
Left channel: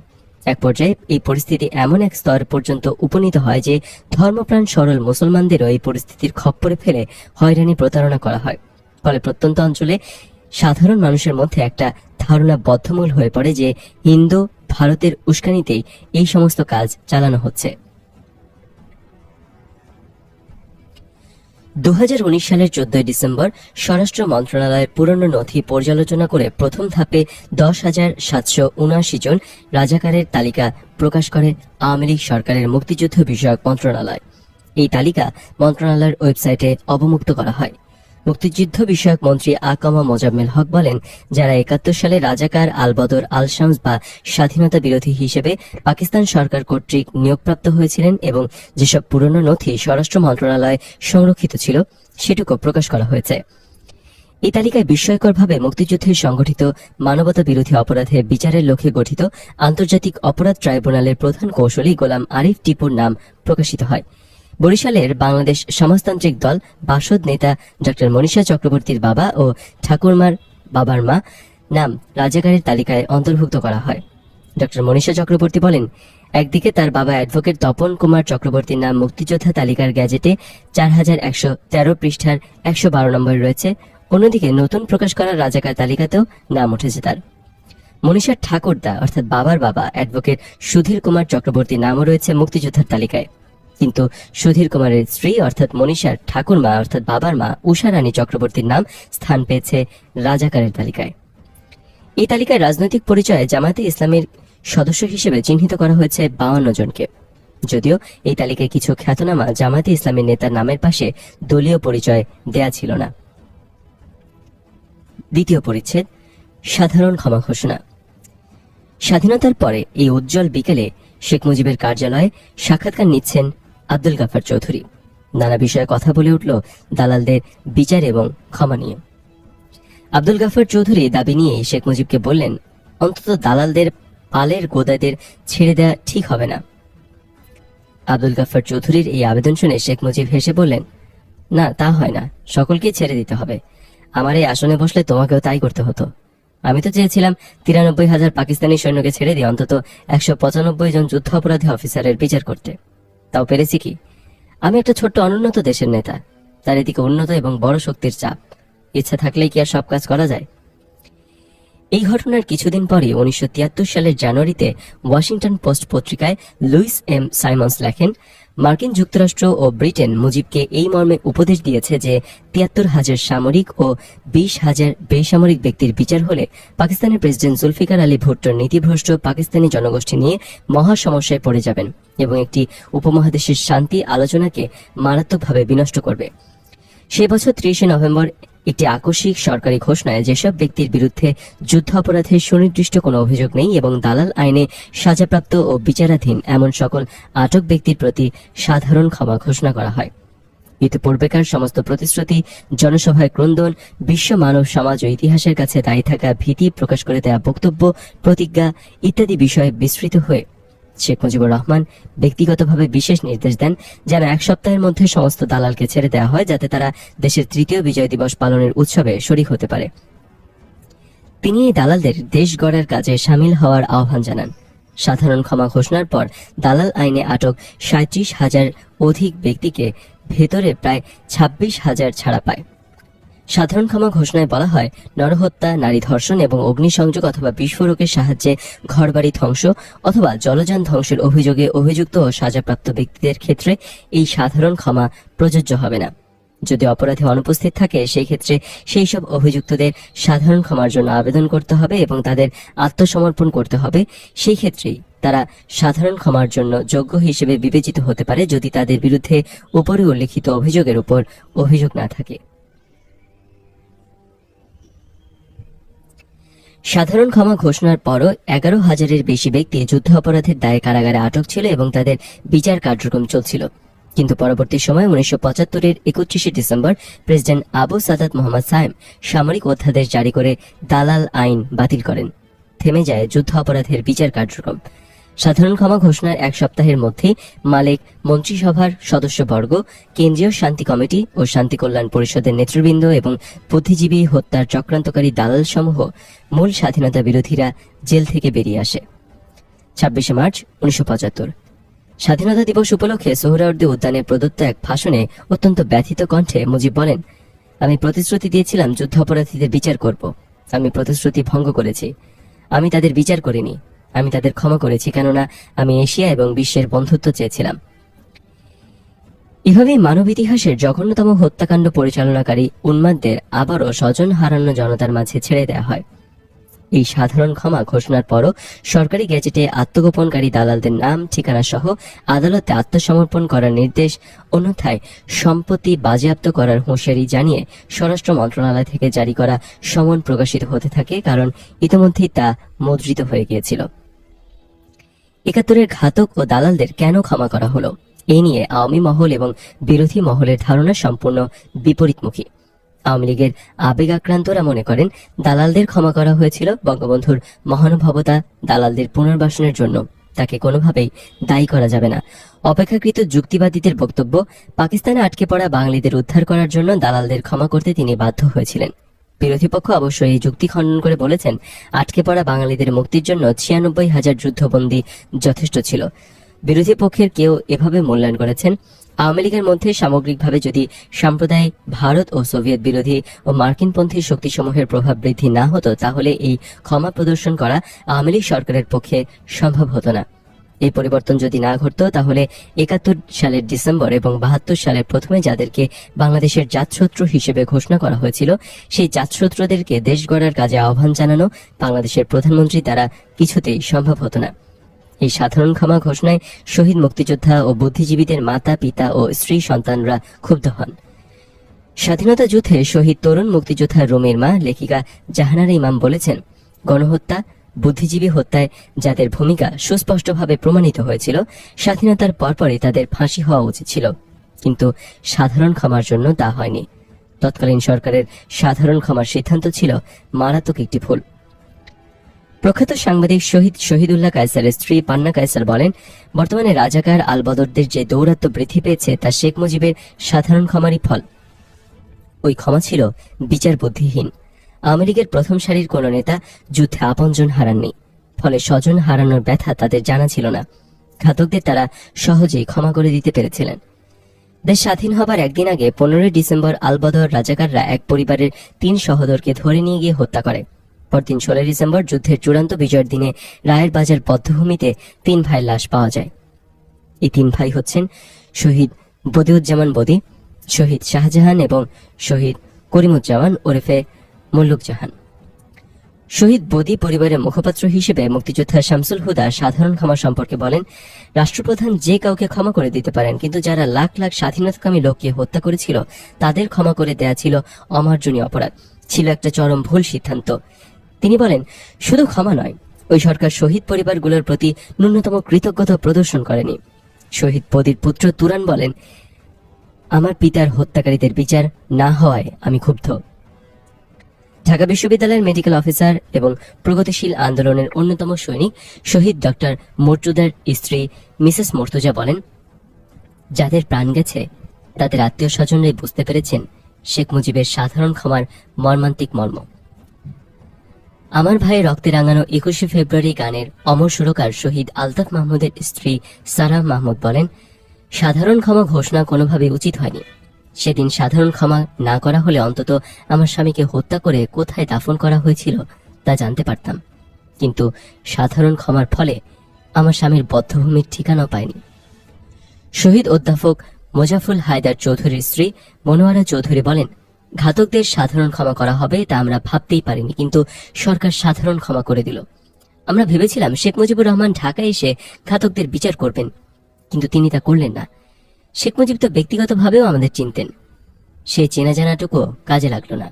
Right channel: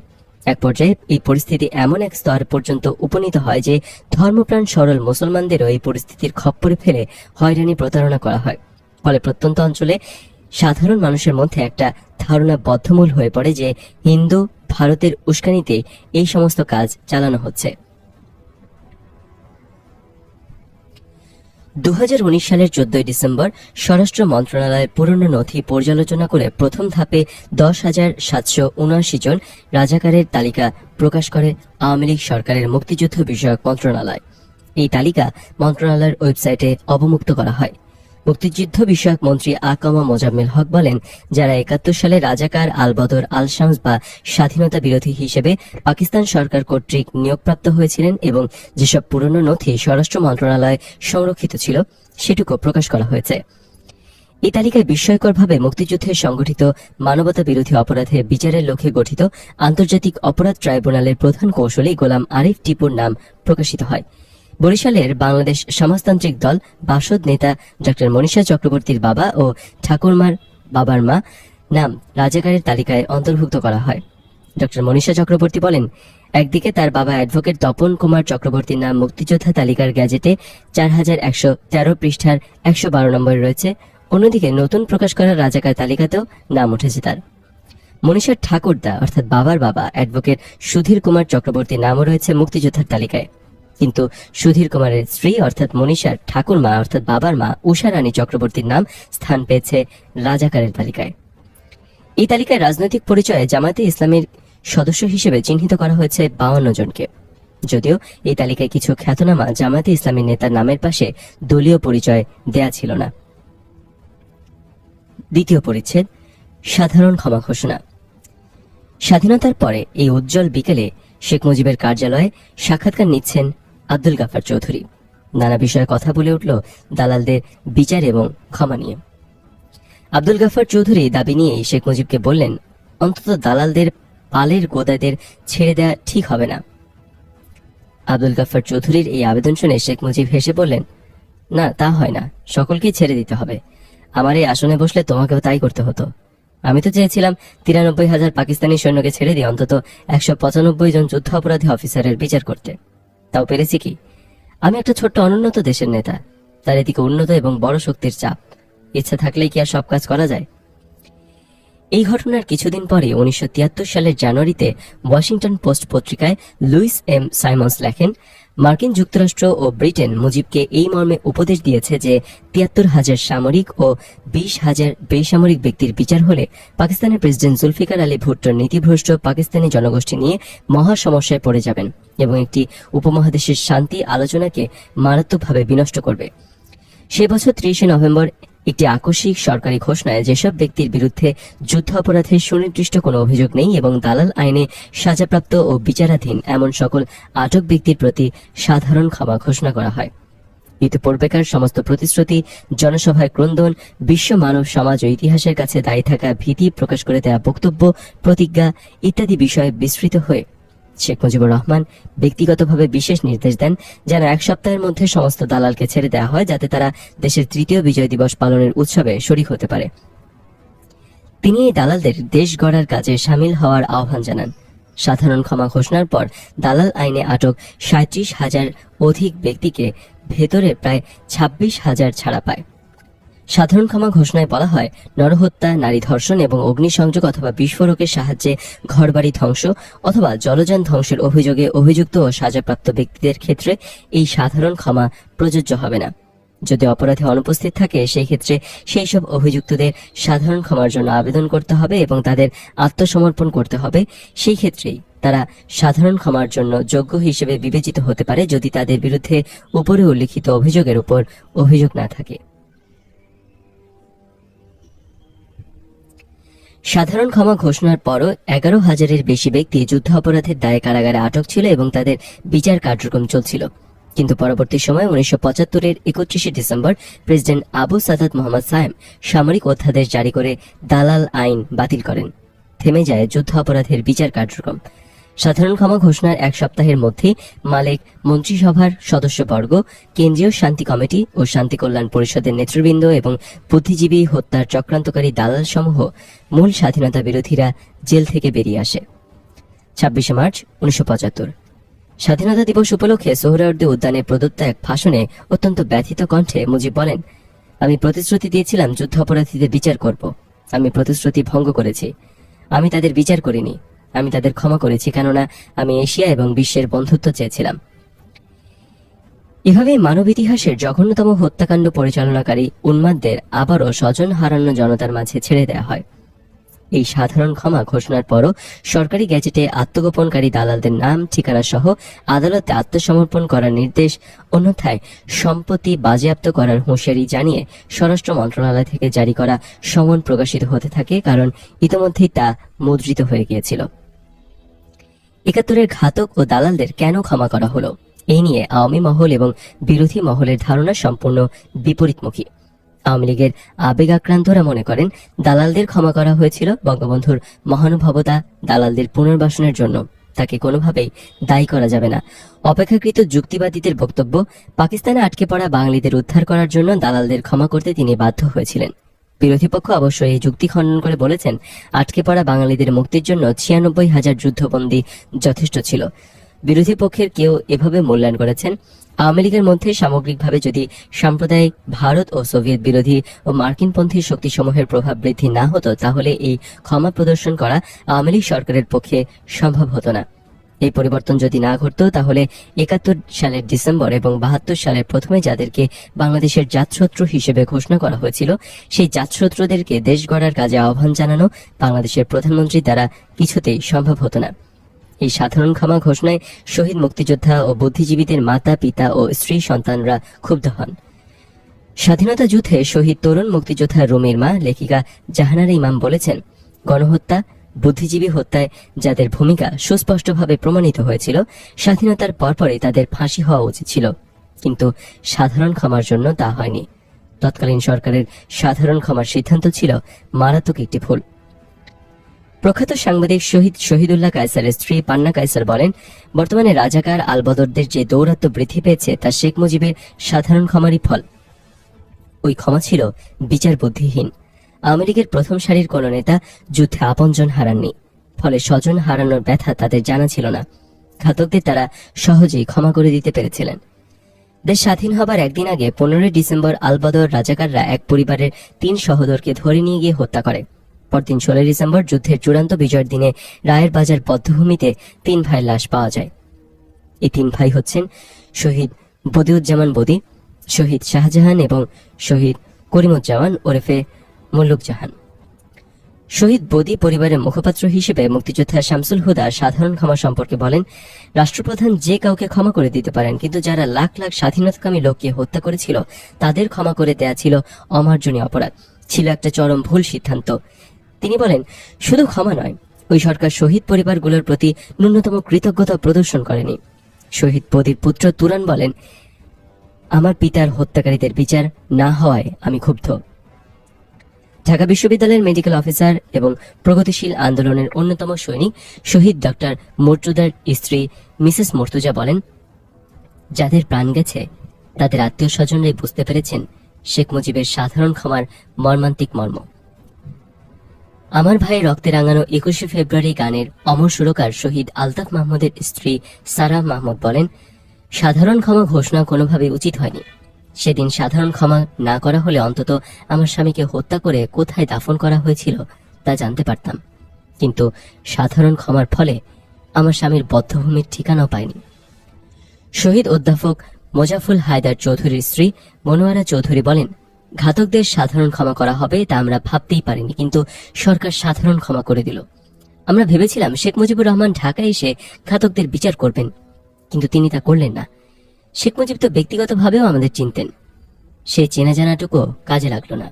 এক পর্যায়ে এই পরিস্থিতি এমন এক স্তর পর্যন্ত উপনীত হয় যে ধর্মপ্রাণ সরল মুসলমানদেরও এই পরিস্থিতির খপ্পরে ফেলে হয়রানি প্রতারণা করা হয়। ফলে প্রত্যন্ত অঞ্চলে সাধারণ মানুষের মধ্যে একটা ধারণা বদ্ধমূল হয়ে পড়ে যে হিন্দু ভারতের উস্কানিতেই এই সমস্ত কাজ চালানো হচ্ছে। 2019 সালের 14 ডিসেম্বর স্বরাষ্ট্র মন্ত্রণালয়ের পুরনো নথি পর্যালোচনা করে প্রথম ধাপে 10,779 জন রাজাকারের তালিকা প্রকাশ করে আওয়ামী লীগ সরকারের মুক্তিযুদ্ধ বিষয়ক মন্ত্রণালয়। এই তালিকা মন্ত্রণালয়ের ওয়েবসাইটে অবমুক্ত করা হয়। মুক্তিযুদ্ধ বিষয়ক মন্ত্রী আকামা মোজাম্মেল হক বলেন, যারা 71 সালে রাজাকার, আল-বদর, আল-শামস বা স্বাধীনতা বিরোধী হিসেবে পাকিস্তান সরকার কর্তৃক নিয়োগপ্রাপ্ত হয়েছিলেন এবং যেসব পুরনো নথি স্বরাষ্ট্র মন্ত্রণালয়ে সংরক্ষিত ছিল সেটুকু প্রকাশ করা হয়েছে। এই তালিকায় বিস্ময়করভাবে মুক্তিযুদ্ধে সংগঠিত মানবতা বিরোধী অপরাধের বিচারের লক্ষ্যে গঠিত আন্তর্জাতিক অপরাধ ট্রাইব্যুনালের প্রধান কৌশলী গোলাম আরিফ টিপুর নাম প্রকাশিত হয়। বরিশালের বাংলাদেশ সমাজতান্ত্রিক দল বাসদ নেতা ডক্টর মনীষা চক্রবর্তীর বাবা ও ঠাকুরমার বাবার মা নাম রাজাকারের তালিকায় অন্তর্ভুক্ত করা হয়। ডক্টর মনীষা চক্রবর্তী বলেন, একদিকে তার বাবা অ্যাডভোকেট তপন কুমার চক্রবর্তীর নাম মুক্তিযোদ্ধা তালিকার গ্যাজেটে 4113 পৃষ্ঠার 112 নম্বর রয়েছে, অন্যদিকে নতুন প্রকাশ করা রাজাকার তালিকাতেও নাম উঠেছে তার। মনীষার ঠাকুরদা অর্থাৎ বাবার বাবা অ্যাডভোকেট সুধীর কুমার চক্রবর্তীর নামও রয়েছে মুক্তিযোদ্ধার তালিকায়, কিন্তু সুধীর কুমারের স্ত্রী অর্থাৎ মনীষার ঠাকুরমা অর্থাৎ বাবার মা উষা রানী চক্রবর্তীর নাম স্থান পেয়েছে রাজাকারের তালিকায়। এই তালিকায় রাজনৈতিক পরিচয়ে জামায়াতে ইসলামের সদস্য হিসেবে চিহ্নিত করা হয়েছে 52 জনকে, যদিও এই তালিকায় কিছু খ্যাতনামা জামায়াতে ইসলামের নেতার নামের পাশে দলীয় পরিচয় দেয়া ছিল না। দ্বিতীয় পরিচ্ছেদ, সাধারণ ক্ষমা ঘোষণা। স্বাধীনতার পরে এই উজ্জ্বল বিকেলে শেখ মুজিবের কার্যালয়ে সাক্ষাৎকার নিচ্ছেন আব্দুল গাফফার চৌধুরী। নানা বিষয়ে কথা বলে উঠল দালালদের বিচার এবং ক্ষমা নিয়ে। আব্দুল গাফফার চৌধুরী দাবি নিয়ে শেখ মুজিবকে বললেন, অন্তত দালালদের পালের গোদাদের ছেড়ে দেয়া ঠিক হবে না। আব্দুল গাফফার চৌধুরীর এই আবেদন শুনে শেখ মুজিব হেসে বললেন, না, তা হয় না, সকলকেই ছেড়ে দিতে হবে। আমার এই আসনে বসলে তোমাকেও তাই করতে হতো। আমি তো চেয়েছিলাম 93,000 পাকিস্তানি সৈন্যকে ছেড়ে দিয়ে অন্তত 195 জন যুদ্ধ অপরাধী অফিসারের বিচার করতে। তাও পেরেছি কি? আমি একটা ছোট্ট অনুন্নত দেশের নেতা, তার এদিকে উন্নত এবং বড় শক্তির চাপ। ইচ্ছা থাকলেই কি আর সব কাজ করা যায়? এই ঘটনার কিছুদিন পরে 1973 সালের জানুয়ারিতে ওয়াশিংটন পোস্ট পত্রিকায় লুইস এম সাইমন্স লেখেন, মার্কিন যুক্তরাষ্ট্র ও ব্রিটেন মুজিবকে এই মর্মে উপদেশ দিয়েছে যে 73,000 সামরিক ও 20,000 বেসামরিক ব্যক্তির বিচার হলে পাকিস্তানের প্রেসিডেন্ট জুলফিকার আলী ভুট্টোর নীতিভ্রষ্ট পাকিস্তানি জনগোষ্ঠী নিয়ে মহা সমস্যায় পড়ে যাবেন এবং একটি উপমহাদেশের শান্তি আলোচনাকে মারাত্মকভাবে বিনষ্ট করবে। সে বছর 30 নভেম্বর একটি আকস্মিক সরকারি ঘোষণায় যেসব ব্যক্তির বিরুদ্ধে যুদ্ধ অপরাধের সুনির্দিষ্ট কোনো অভিযোগ নেই এবং দালাল আইনে সাজাপ্রাপ্ত ও বিচারাধীন এমন সকল আটক ব্যক্তির প্রতি সাধারণ ক্ষমা ঘোষণা করা হয়। ইতিপূর্বেকার সমস্ত প্রতিশ্রুতি, জনসভায় ক্রন্দন, বিশ্ব মানব সমাজ ও ইতিহাসের কাছে দায়ী থাকা ভীতি প্রকাশ করে দেয়া বক্তব্য, প্রতিজ্ঞা ইত্যাদি বিষয়ে বিস্তৃত হয়ে শেখ মুজিবুর রহমান ব্যক্তিগতভাবে বিশেষ নির্দেশ দেন যেন 1 সপ্তাহের মধ্যে সমস্ত দালালকে ছেড়ে দেওয়া হয়, যাতে তারা দেশের 3য় বিজয় দিবস পালনের উৎসবে শরীক হতে পারে। তিনি এই দালালদের দেশ গড়ার কাজে সামিল হওয়ার আহ্বান জানান। সাধারণ ক্ষমা ঘোষণার পর দালাল আইনে আটক 37,000 অধিক ব্যক্তিকে ভেতরে প্রায় 26,000 ছাড়া পায়। সাধারণ ক্ষমা ঘোষণায় বলা হয়, নরহত্যা, নারী ধর্ষণ এবং অগ্নিসংযোগ অথবা বিস্ফোরকের সাহায্যে ঘরবাড়ি ধ্বংস অথবা জলযান ধ্বংসের অভিযোগে অভিযুক্ত ও সাজাপ্রাপ্ত ব্যক্তিদের ক্ষেত্রে এই সাধারণ ক্ষমা প্রযোজ্য হবে না। যদি অপরাধী অনুপস্থিত থাকে, সেই ক্ষেত্রে সেই সব অভিযুক্তদের সাধারণ ক্ষমার জন্য আবেদন করতে হবে এবং তাদের আত্মসমর্পণ করতে হবে। সেই ক্ষেত্রেই তারা সাধারণ ক্ষমার জন্য যোগ্য হিসেবে বিবেচিত হতে পারে, যদি তাদের বিরুদ্ধে উপরে উল্লিখিত অভিযোগের উপর অভিযোগ না থাকে। সাধারণ ক্ষমা ঘোষণার পরও 11,000-এর বেশি ব্যক্তি যুদ্ধ অপরাধের দায়ে কারাগারে আটক ছিল এবং তাদের বিচার কার্যক্রম চলছিল। কিন্তু পরবর্তী সময়ে 1975-এর 31শে ডিসেম্বর প্রেসিডেন্ট আবু সাদাত মোহাম্মদ সায়েম সামরিক অধ্যাদেশ জারি করে দালাল আইন বাতিল করেন। থেমে যায় যুদ্ধ অপরাধের বিচার কার্যক্রম। সাধারণ ক্ষমা ঘোষণার এক সপ্তাহের মধ্যে মালিক, মন্ত্রিসভার সদস্যবর্গ, কেন্দ্রীয় শান্তি কমিটি ও শান্তি কল্যাণ পরিষদের নেতৃবৃন্দ এবং বুদ্ধিজীবী হত্যার চক্রান্তকারী দালাল সমূহ মূল স্বাধীনতা বিরোধীরা জেল থেকে বেরিয়ে আসে। 26শে মার্চ 1975 স্বাধীনতা দিবস উপলক্ষে সোহরাওয়ার্দী উদ্যানে প্রদত্ত এক ভাষণে অত্যন্ত ব্যথিত কণ্ঠে মুজিব বলেন, আমি প্রতিশ্রুতি দিয়েছিলাম যুদ্ধ অপরাধীদের বিচার করব। আমি প্রতিশ্রুতি ভঙ্গ করেছি। আমি তাদের বিচার করিনি, আমি তাদের ক্ষমা করেছি, কেননা আমি এশিয়া এবং বিশ্বের বন্ধুত্ব চেয়েছিলাম। এভাবে মানব ইতিহাসের জঘন্যতম হত্যাকাণ্ড পরিচালনাকারী উন্মাদদের আবারও স্বজন হারানো জনতার মাঝে ছেড়ে দেওয়া হয়। এই সাধারণ ক্ষমা ঘোষণার পরও সরকারি গ্যাজেটে আত্মগোপনকারী দালালদের নাম, ঠিকানা সহ আদালতে আত্মসমর্পণ করার নির্দেশ, অন্যথায় সম্পত্তি বাজেয়াপ্ত করার হুঁশিয়ারি জানিয়ে স্বরাষ্ট্র মন্ত্রণালয় থেকে জারি করা সমন প্রকাশিত হতে থাকে, কারণ ইতোমধ্যেই তা মুদ্রিত হয়ে গিয়েছিল। 71-এর ঘাতক ও দালালদের কেন ক্ষমা করা হলো, এই নিয়ে আওয়ামী মহল এবং বিরোধী মহলের ধারণা সম্পূর্ণ বিপরীতমুখী। আওয়ামী লীগের আবেগাক্রান্তরা মনে করেন দালালদের ক্ষমা করা হয়েছিল বঙ্গবন্ধুর মহানুভবতা, দালালদের পুনর্বাসনের জন্য। তাকে কোনোভাবেই দায়ী করা যাবে না। অপেক্ষাকৃত যুক্তিবাদীদের বক্তব্য, পাকিস্তানে আটকে পড়া বাঙালিদের উদ্ধার করার জন্য দালালদের ক্ষমা করতে তিনি বাধ্য হয়েছিলেন। বিরোধী পক্ষ অবশ্য এই যুক্তি খণ্ডন করে বলেছেন, আটকে পড়া বাঙালিদের মুক্তির জন্য 96,000 যুদ্ধবন্দী যথেষ্ট ছিল। বিরোধী পক্ষের কেউ এভাবে মূল্যায়ন করেছেন, আওয়ামী লীগের মধ্যে সামগ্রিকভাবে যদি সাম্প্রদায়িক ভারত ও সোভিয়েত বিরোধী ও মার্কিনপন্থী শক্তিসমূহের প্রভাব বৃদ্ধি না হতো, তাহলে এই ক্ষমা প্রদর্শন করা আওয়ামী লীগ সরকারের পক্ষে সম্ভব হতো না। এই পরিবর্তন যদি না ঘটতো, তাহলে 71 সালের ডিসেম্বর এবং 72 সালের প্রথমে যাদেরকে বাংলাদেশের জাতশত্রু হিসেবে ঘোষণা করা হয়েছিল, সেই জাতশত্রুদেরকে দেশ গড়ার কাজে আহ্বান জানানো বাংলাদেশের প্রধানমন্ত্রী দ্বারা কিছুতেই সম্ভব হতো না। এই সাধারণ ক্ষমা ঘোষণায় শহীদ মুক্তিযোদ্ধা ও বুদ্ধিজীবীদের মাতা, পিতা ও স্ত্রী সন্তানরা ক্ষুব্ধ হন। স্বাধীনতা যুদ্ধে শহীদ তরুণ মুক্তিযোদ্ধা রুমির মা লেখিকা জাহানারা ইমাম বলেছেন, গণহত্যা, বুদ্ধিজীবী হত্যায় যাদের ভূমিকা সুস্পষ্টভাবে প্রমাণিত হয়েছিল, স্বাধীনতার পরপরই তাদের ফাঁসি হওয়া উচিত ছিল, কিন্তু সাধারণ ক্ষমার জন্য তা হয়নি। তৎকালীন সরকারের সাধারণ ক্ষমার সিদ্ধান্ত ছিল মারাত্মক একটি ভুল। প্রখ্যাত সাংবাদিক শহীদুল্লাহ কায়সারের স্ত্রী পান্না কায়সার বলেন, বর্তমানে রাজাকার আল বদরদের যে দৌরাত্ম্য বৃদ্ধি পেয়েছে, তা শেখ মুজিবের সাধারণ ক্ষমারই ফল। ওই ক্ষমা ছিল বিচার বুদ্ধিহীন। আওয়ামী লীগের প্রথম সারির কোন নেতা যুদ্ধে আপনজন হারাননি, ফলে স্বজন হারানোর ব্যথা তাদের জানা ছিল না। ঘাতকদের তারা সহজেই ক্ষমা করে দিতে পেরেছিলেন। দেশ স্বাধীন হবার একদিন আগে 15 ডিসেম্বর আল বদর রাজাকাররা এক পরিবারের 3 সহোদরকে ধরে নিয়ে গিয়ে হত্যা করে। পরদিন 16 ডিসেম্বর যুদ্ধের চূড়ান্ত বিজয়ের দিনে রায়ের বাজার বধ্যভূমিতে 3 ভাইয়ের লাশ পাওয়া যায়। এই 3 ভাই হচ্ছেন শহীদ বদিউজ্জামান বদি, শহীদ শাহজাহান এবং শহীদ করিমুজ্জামান ওরফে মুল্লুক জাহান। শহীদ বদি পরিবারের মুখপাত্র হিসেবে মুক্তিযোদ্ধা শামসুল হুদা সাধারণ ক্ষমা সম্পর্কে বলেন, রাষ্ট্রপ্রধান যে কাউকে ক্ষমা করে দিতে পারেন, কিন্তু যারা লাখ লাখ স্বাধীনতাকামী লোককে হত্যা করেছিল তাদের ক্ষমা করে দেয়া ছিল অমার্জনীয় অপরাধ, ছিল একটা চরম ভুল সিদ্ধান্ত। তিনি বলেন, শুধু ক্ষমা নয়, ওই সরকার শহীদ পরিবারগুলোর প্রতি ন্যূনতম কৃতজ্ঞতা প্রদর্শন করেনি। শহীদ বদির পুত্র তুরান বলেন, আমার পিতার হত্যাকারীদের বিচার না হওয়ায় আমি ক্ষুব্ধ। ঢাকা বিশ্ববিদ্যালয়ের মেডিকেল অফিসার এবং প্রগতিশীল আন্দোলনের অন্যতম সৈনিক শহীদ ডক্টর মর্তুজার স্ত্রী মিসেস মর্তুজা বলেন, যাদের প্রাণ গেছে তাদের আত্মীয় স্বজনরাই বুঝতে পেরেছেন শেখ মুজিবের সাধারণ ক্ষমার মর্মান্তিক মর্ম। আমার ভাই রক্তে রাঙানো 21শে ফেব্রুয়ারি গানের অমর সুরকার শহীদ আলতাফ মাহমুদের স্ত্রী সারা মাহমুদ বলেন, সাধারণ ক্ষমা ঘোষণা কোনোভাবে উচিত হয়নি। সেদিন সাধারণ ক্ষমা না করা হলে অন্তত আমার স্বামীকে হত্যা করে কোথায় দাফন করা হয়েছিল তা জানতে পারতাম, কিন্তু সাধারণ ক্ষমার ফলে আমার স্বামীর বদ্ধভূমির ঠিকানাও পাইনি। শহীদ অধ্যাপক মোজাফুল হায়দার চৌধুরীর স্ত্রী মনোয়ারা চৌধুরী বলেন, ঘাতকদের সাধারণ ক্ষমা করা হবে তা আমরা ভাবতেই পারিনি, কিন্তু সরকার সাধারণ ক্ষমা করে দিল। আমরা ভেবেছিলাম শেখ মুজিবুর রহমান ঢাকায় এসে ঘাতকদের বিচার করবেন, কিন্তু তিনি তা করলেন না। শেখ মুজিব তো ব্যক্তিগতভাবেও আমাদের চিনতেন, সেই চেনা জানাটুকু কাজে লাগলো না।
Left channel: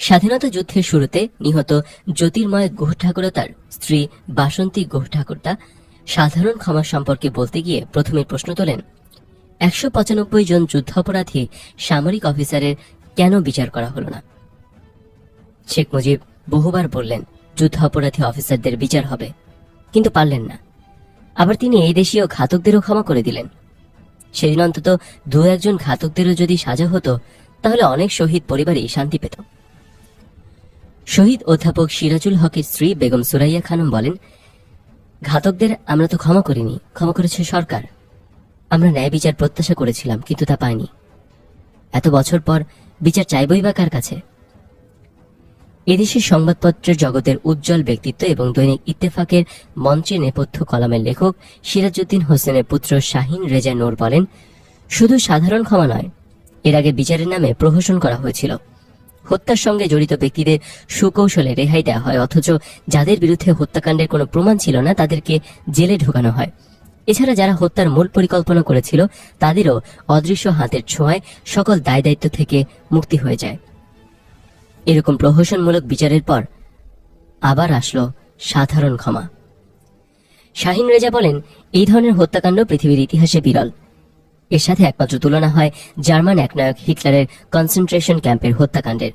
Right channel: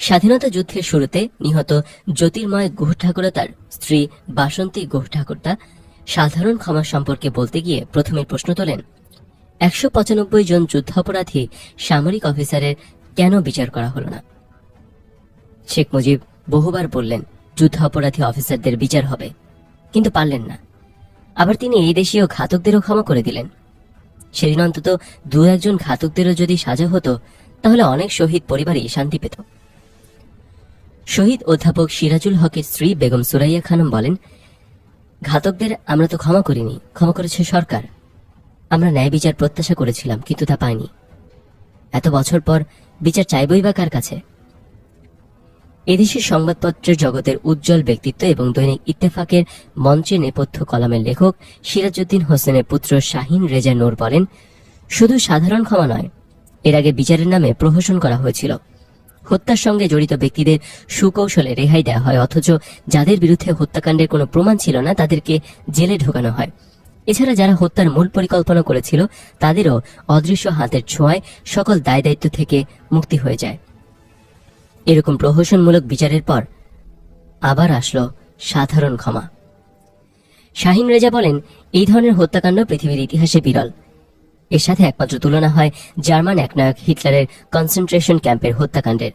স্বাধীনতা যুদ্ধের শুরুতে নিহত জ্যোতির্ময় গুহ ঠাকুর তার স্ত্রী বাসন্তী গুহ ঠাকুরতা সাধারণ ক্ষমা সম্পর্কে বলতে গিয়ে প্রথমে প্রশ্ন তোলেন, 195 জন যুদ্ধাপরাধী সামরিক অফিসারের কেন বিচার করা হলো না? শেখ মুজিব বহুবার বললেন যুদ্ধাপরাধী অফিসারদের বিচার হবে, কিন্তু পারলেন না। আবার তিনি এই দেশীয় ঘাতকদেরও ক্ষমা করে দিলেন। সেদিন অন্তত 2-1 ঘাতকদেরও যদি সাজা হতো, তাহলে অনেক শহীদ পরিবারই শান্তি পেত। শহীদ অধ্যাপক সিরাজুল হকের স্ত্রী বেগম সুরাইয়া খানম বলেন, ঘাতকদের আমরা তো ক্ষমা করিনি, ক্ষমা করেছে সরকার। আমরা ন্যায় বিচার প্রত্যাশা করেছিলাম, কিন্তু তা পাইনি। এত বছর পর বিচার চাইবই বা কার কাছে? এদেশের সংবাদপত্রের জগতের উজ্জ্বল ব্যক্তিত্ব এবং দৈনিক ইত্তেফাকের মঞ্চে নেপথ্য কলামের লেখক সিরাজউদ্দিন হোসেনের পুত্র শাহিন রেজা নূর বলেন, শুধু সাধারণ ক্ষমা নয়, এর আগে বিচারের নামে প্রহসন করা হয়েছিল। হত্যার সঙ্গে জড়িত ব্যক্তিদের সুকৌশলে রেহাই দেওয়া হয়, অথচ যাদের বিরুদ্ধে হত্যাকাণ্ডের কোনো প্রমাণ ছিল না তাদেরকে জেলে ঢোকানো হয়। এছাড়া যারা হত্যার মূল পরিকল্পনা করেছিল তাদেরও অদৃশ্য হাতের ছোঁয়ায় সকল দায় দায়িত্ব থেকে মুক্তি হয়ে যায়। এরকম প্রহসনমূলক বিচারের পর আবার আসলো সাধারণ ক্ষমা। শাহিন রেজা বলেন, এই ধরনের হত্যাকাণ্ড পৃথিবীর ইতিহাসে বিরল। এর সাথে একমাত্র তুলনা হয় জার্মান একনায়ক হিটলারের কনসেন্ট্রেশন ক্যাম্পের হত্যাকাণ্ডের।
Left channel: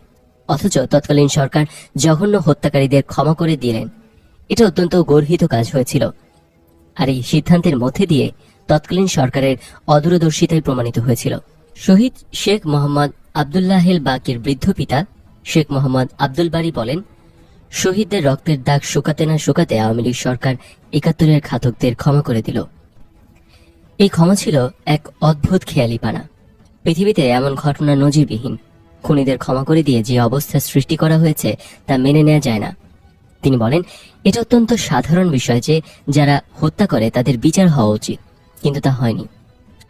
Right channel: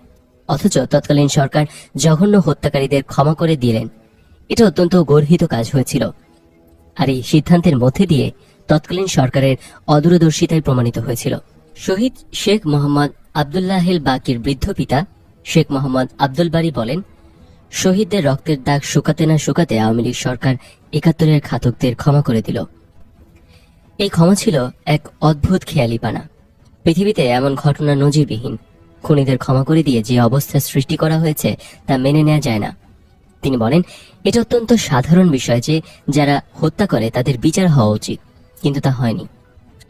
অথচ তৎকালীন সরকার জঘন্য হত্যাকারীদের ক্ষমা করে দিলেন। এটা অত্যন্ত গর্হিত কাজ হয়েছিল, আর এই সিদ্ধান্তের মধ্যে দিয়ে তৎকালীন সরকারের অদূরদর্শিতায় প্রমাণিত হয়েছিল। শহীদ শেখ মোহাম্মদ আবদুল্লাহিল বাকির বৃদ্ধ পিতা শেখ মোহাম্মদ আব্দুল বারী বলেন, শহীদদের রক্তের দাগ শুকাতে না শুকাতে আওয়ামী লীগ সরকার 71-এর ঘাতকদের ক্ষমা করে দিল। এই ক্ষমা ছিল এক অদ্ভুত খেয়ালিপানা। পৃথিবীতে এমন ঘটনা নজিরবিহীন। খুনিদের ক্ষমা করে দিয়ে যে অবস্থার সৃষ্টি করা হয়েছে তা মেনে নেওয়া যায় না। তিনি বলেন, এটা অত্যন্ত সাধারণ বিষয় যে যারা হত্যা করে তাদের বিচার হওয়া উচিত, কিন্তু তা হয়নি।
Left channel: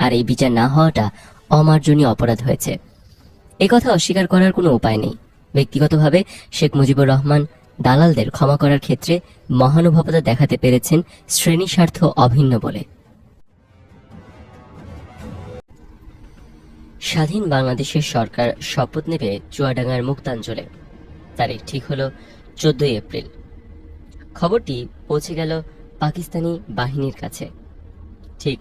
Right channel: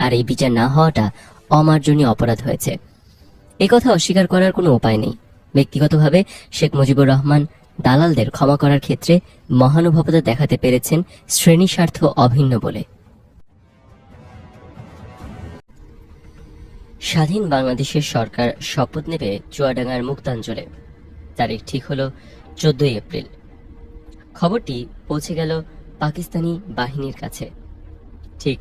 আর এই বিচার না হওয়াটা অমার্জনীয় অপরাধ হয়েছে। একথা অস্বীকার করার কোনো উপায় নেই। ব্যক্তিগতভাবে শেখ মুজিবুর রহমান দালালদের ক্ষমা করার ক্ষেত্রে মহানুভবতা দেখাতে পেরেছেন শ্রেণী স্বার্থ অভিন্ন বলে। স্বাধীন বাংলাদেশের সরকার শপথ নেবে চুয়াডাঙ্গার মুক্তাঞ্চলে। তারিখ ঠিক হলো 14 এপ্রিল। খবরটি পৌঁছে গেল পাকিস্তানি বাহিনীর কাছে। ঠিক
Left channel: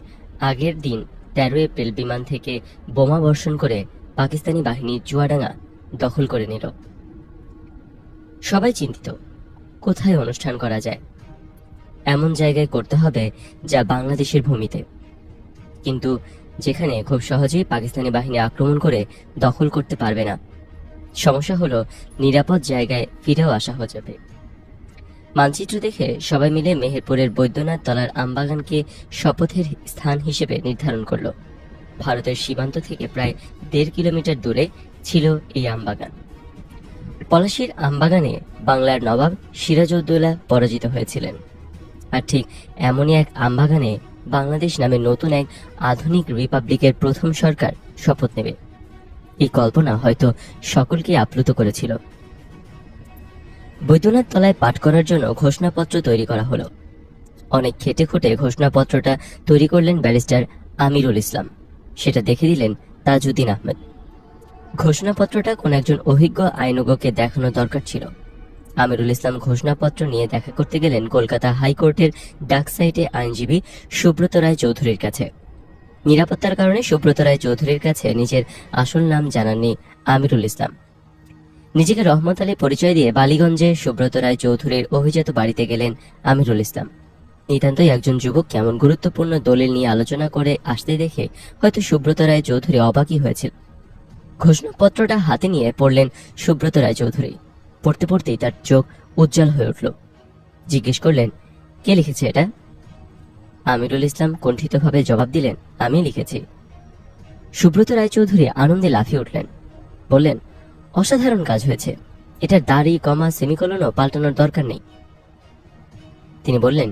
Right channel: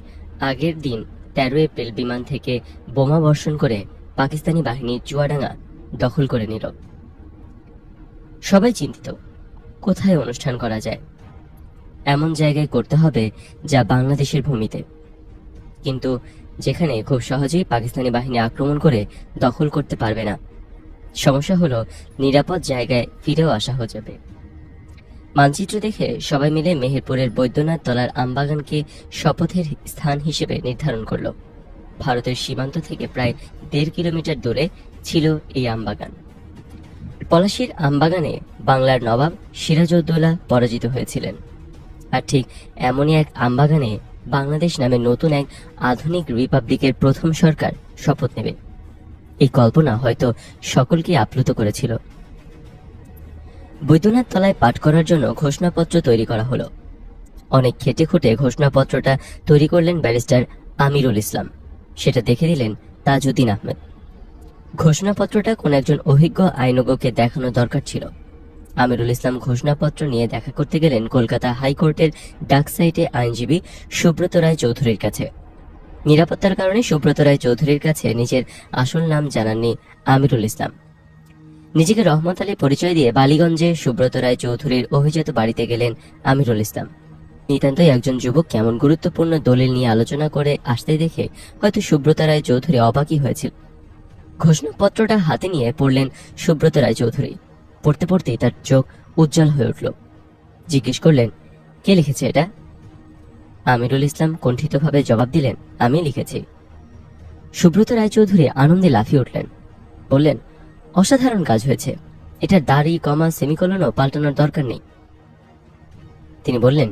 আগের দিন 13 এপ্রিল বিমান থেকে বোমা বর্ষণ করে পাকিস্তানি বাহিনী চুয়াডাঙ্গা দখল করে নিল। সবাই চিন্তিত, কোথায় অনুষ্ঠান করা যায়। এমন জায়গায় করতে হবে যা বাংলাদেশের ভূমিতে, কিন্তু যেখানে খুব সহজে পাকিস্তানি বাহিনী আক্রমণ করে দখল করতে পারবে না। সমস্যা হলো নিরাপদ জায়গায় ফিরেও আসা হয়ে যাবে। মানচিত্র দেখে সবাই মিলে মেহেরপুরের বৈদ্যনাথ তলার আমবাগানকে শপথের স্থান হিসেবে নির্ধারণ করলো। ভারতের সীমান্ত থেকে প্রায় 1.5 কিলোমিটার দূরে ছিল এই আমবাগান। পলাশীর আমবাগানে বাংলার নবাব সিরাজউদ্দৌলা পরাজিত হয়েছিলেন। আর ঠিক এমনই এক আমবাগানে বাংলাদেশ নামে নতুন এক আধুনিক রিপাবলিকের প্রথম সরকার শপথ নেবে। এই কল্পনা হয়তো সকলকে আপ্লুত করেছিল। বৈদ্যনাথ তলায় পাঠ করার জন্য ঘোষণাপত্র তৈরি করা হলো। অনেক খেটে খুঁটে ঘোষণাপত্রটা তৈরি করলেন ব্যারিস্টার আমিরুল ইসলাম। সেটা দেখে দিলেন তাজউদ্দিন আহমেদ। ঘোষণাপত্রটা কোন একজন অভিজ্ঞ আইনজ্ঞকে দেখানো দরকার ছিল। আমিরুল ইসলাম ঘোষণাপত্র নিয়ে দেখা করতে গেলেন কলকাতা হাইকোর্টের ডাক সাইটে আইনজীবী সুব্রত রায় চৌধুরীর কাছে। নিরাপত্তার কারণে সুব্রত রায় চৌধুরীর কাছে নিজের আসল নাম জানাননি আমিরুল ইসলাম। নিজেকে রহমত আলী পরিচয় দিয়ে বালিগঞ্জে সুব্রত রায় চৌধুরীর অভিজাত বাড়িতে গেলেন আমিরুল ইসলাম। নিতান্তই একজন যুবক কেমন গুরুত্বপূর্ণ দলিল নিয়ে আলোচনা করে আসতে দেখে হয়তো সুব্রত রায় চৌধুরী অবাকই হয়েছিল। ঘোষণাপত্রটা হাতে নিয়ে পড়লেন সুব্রত রায় চৌধুরী। পড়তে পড়তেই তার চোখ উজ্জ্বল হয়ে উঠল। জিজ্ঞেস করলেন, কে লিখেছে এটা? আমিরুল ইসলাম কুণ্ঠিতভাবে জবাব দিলেন, আমি লিখেছি। সুব্রত রায়চৌধুরী আনন্দে লাফিয়ে উঠলেন, বললেন, অসাধারণ কাজ হয়েছে, এটার দাড়ি, কমা, সেমিকোলনও পাল্টানোর দরকার নেই। তিনি বললেন,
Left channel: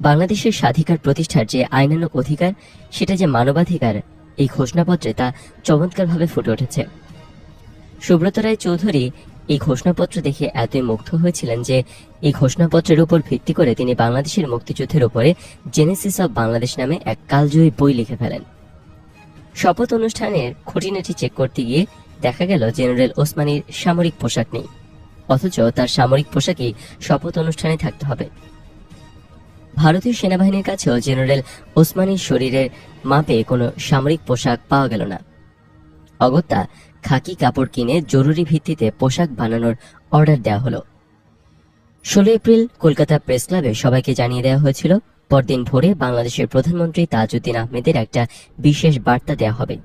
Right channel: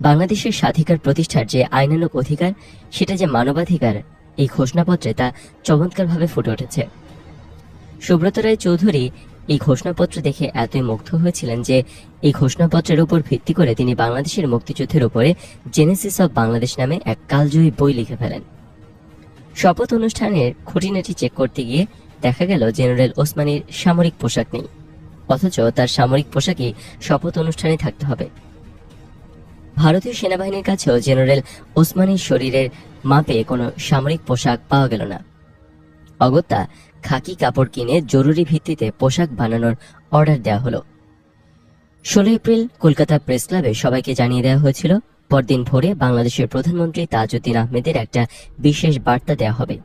বাংলাদেশের স্বাধিকার প্রতিষ্ঠার যে আইনানুগ অধিকার, সেটা যে মানবাধিকার, এই ঘোষণাপত্রে তা চমৎকারভাবে ফুটে উঠেছে। সুব্রত রায় চৌধুরী এই ঘোষণাপত্র দেখে এতই মুগ্ধ হয়েছিলেন যে এই ঘোষণাপত্রের উপর ভিত্তি করে তিনি বাংলাদেশের মুক্তিযুদ্ধের উপরে জেনেসিস অব বাংলাদেশ নামে এক কালজয়ী বই লিখে ফেলেন। শপথ অনুষ্ঠানের খুঁটিনাটি চেক করতে গিয়ে দেখা গেল জেনারেল ওসমানীর সামরিক পোশাক নেই, অথচ তার সামরিক পোশাকই শপথ অনুষ্ঠানে থাকতে হবে। ভারতীয় সেনাবাহিনীর কাছেও জেনারেল ওসমানীর শরীরের মাপে কোনো সামরিক পোশাক পাওয়া গেল না। অগত্যা খাকি কাপড় কিনে জরুরি ভিত্তিতে পোশাক বানানোর অর্ডার দেওয়া হলো। 16 এপ্রিল কলকাতা প্রেস ক্লাবে সবাইকে জানিয়ে দেওয়া হয়েছিল, পরদিন ভোরে বাংলাদেশের প্রধানমন্ত্রী তাজউদ্দিন আহমেদের একটা বিশেষ বার্তা দেওয়া হবে।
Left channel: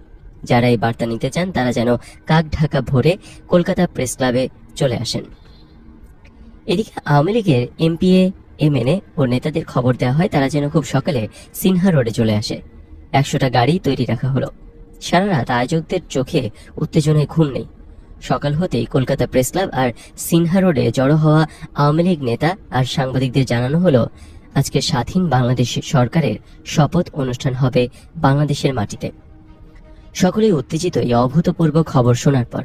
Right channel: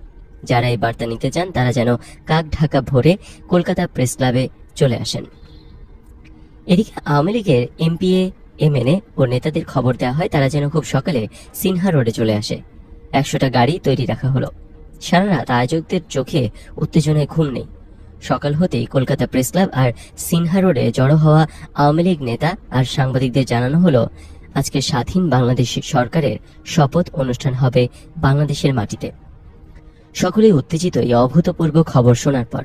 যারা এই বার্তা নিতে চান তারা যেন কাক ঢাকা ভোরে কলকাতা প্রেস ক্লাবে চলে আসেন। এদিকে আওয়ামী লীগের এমপিএ, এমএনএ ও নেতাদের খবর দেওয়া হয় তারা যেন খুব সকালে সিনহা রোডে চলে আসে। 100টা গাড়ি তৈরি রাখা হলো। সারা রাত আয়োজকদের চোখে উত্তেজনায় ঘুম নেই। সকাল হতেই কলকাতা প্রেস ক্লাব আর সিনহা রোডে জড়ো হওয়া আওয়ামী লীগ নেতা আর সাংবাদিকদের জানানো হলো, আজকে স্বাধীন বাংলাদেশ সরকারের শপথ অনুষ্ঠান হবে বাংলাদেশের মাটিতে। সকলেই উত্তেজিত এই অভূতপূর্ব খবর শোনার পর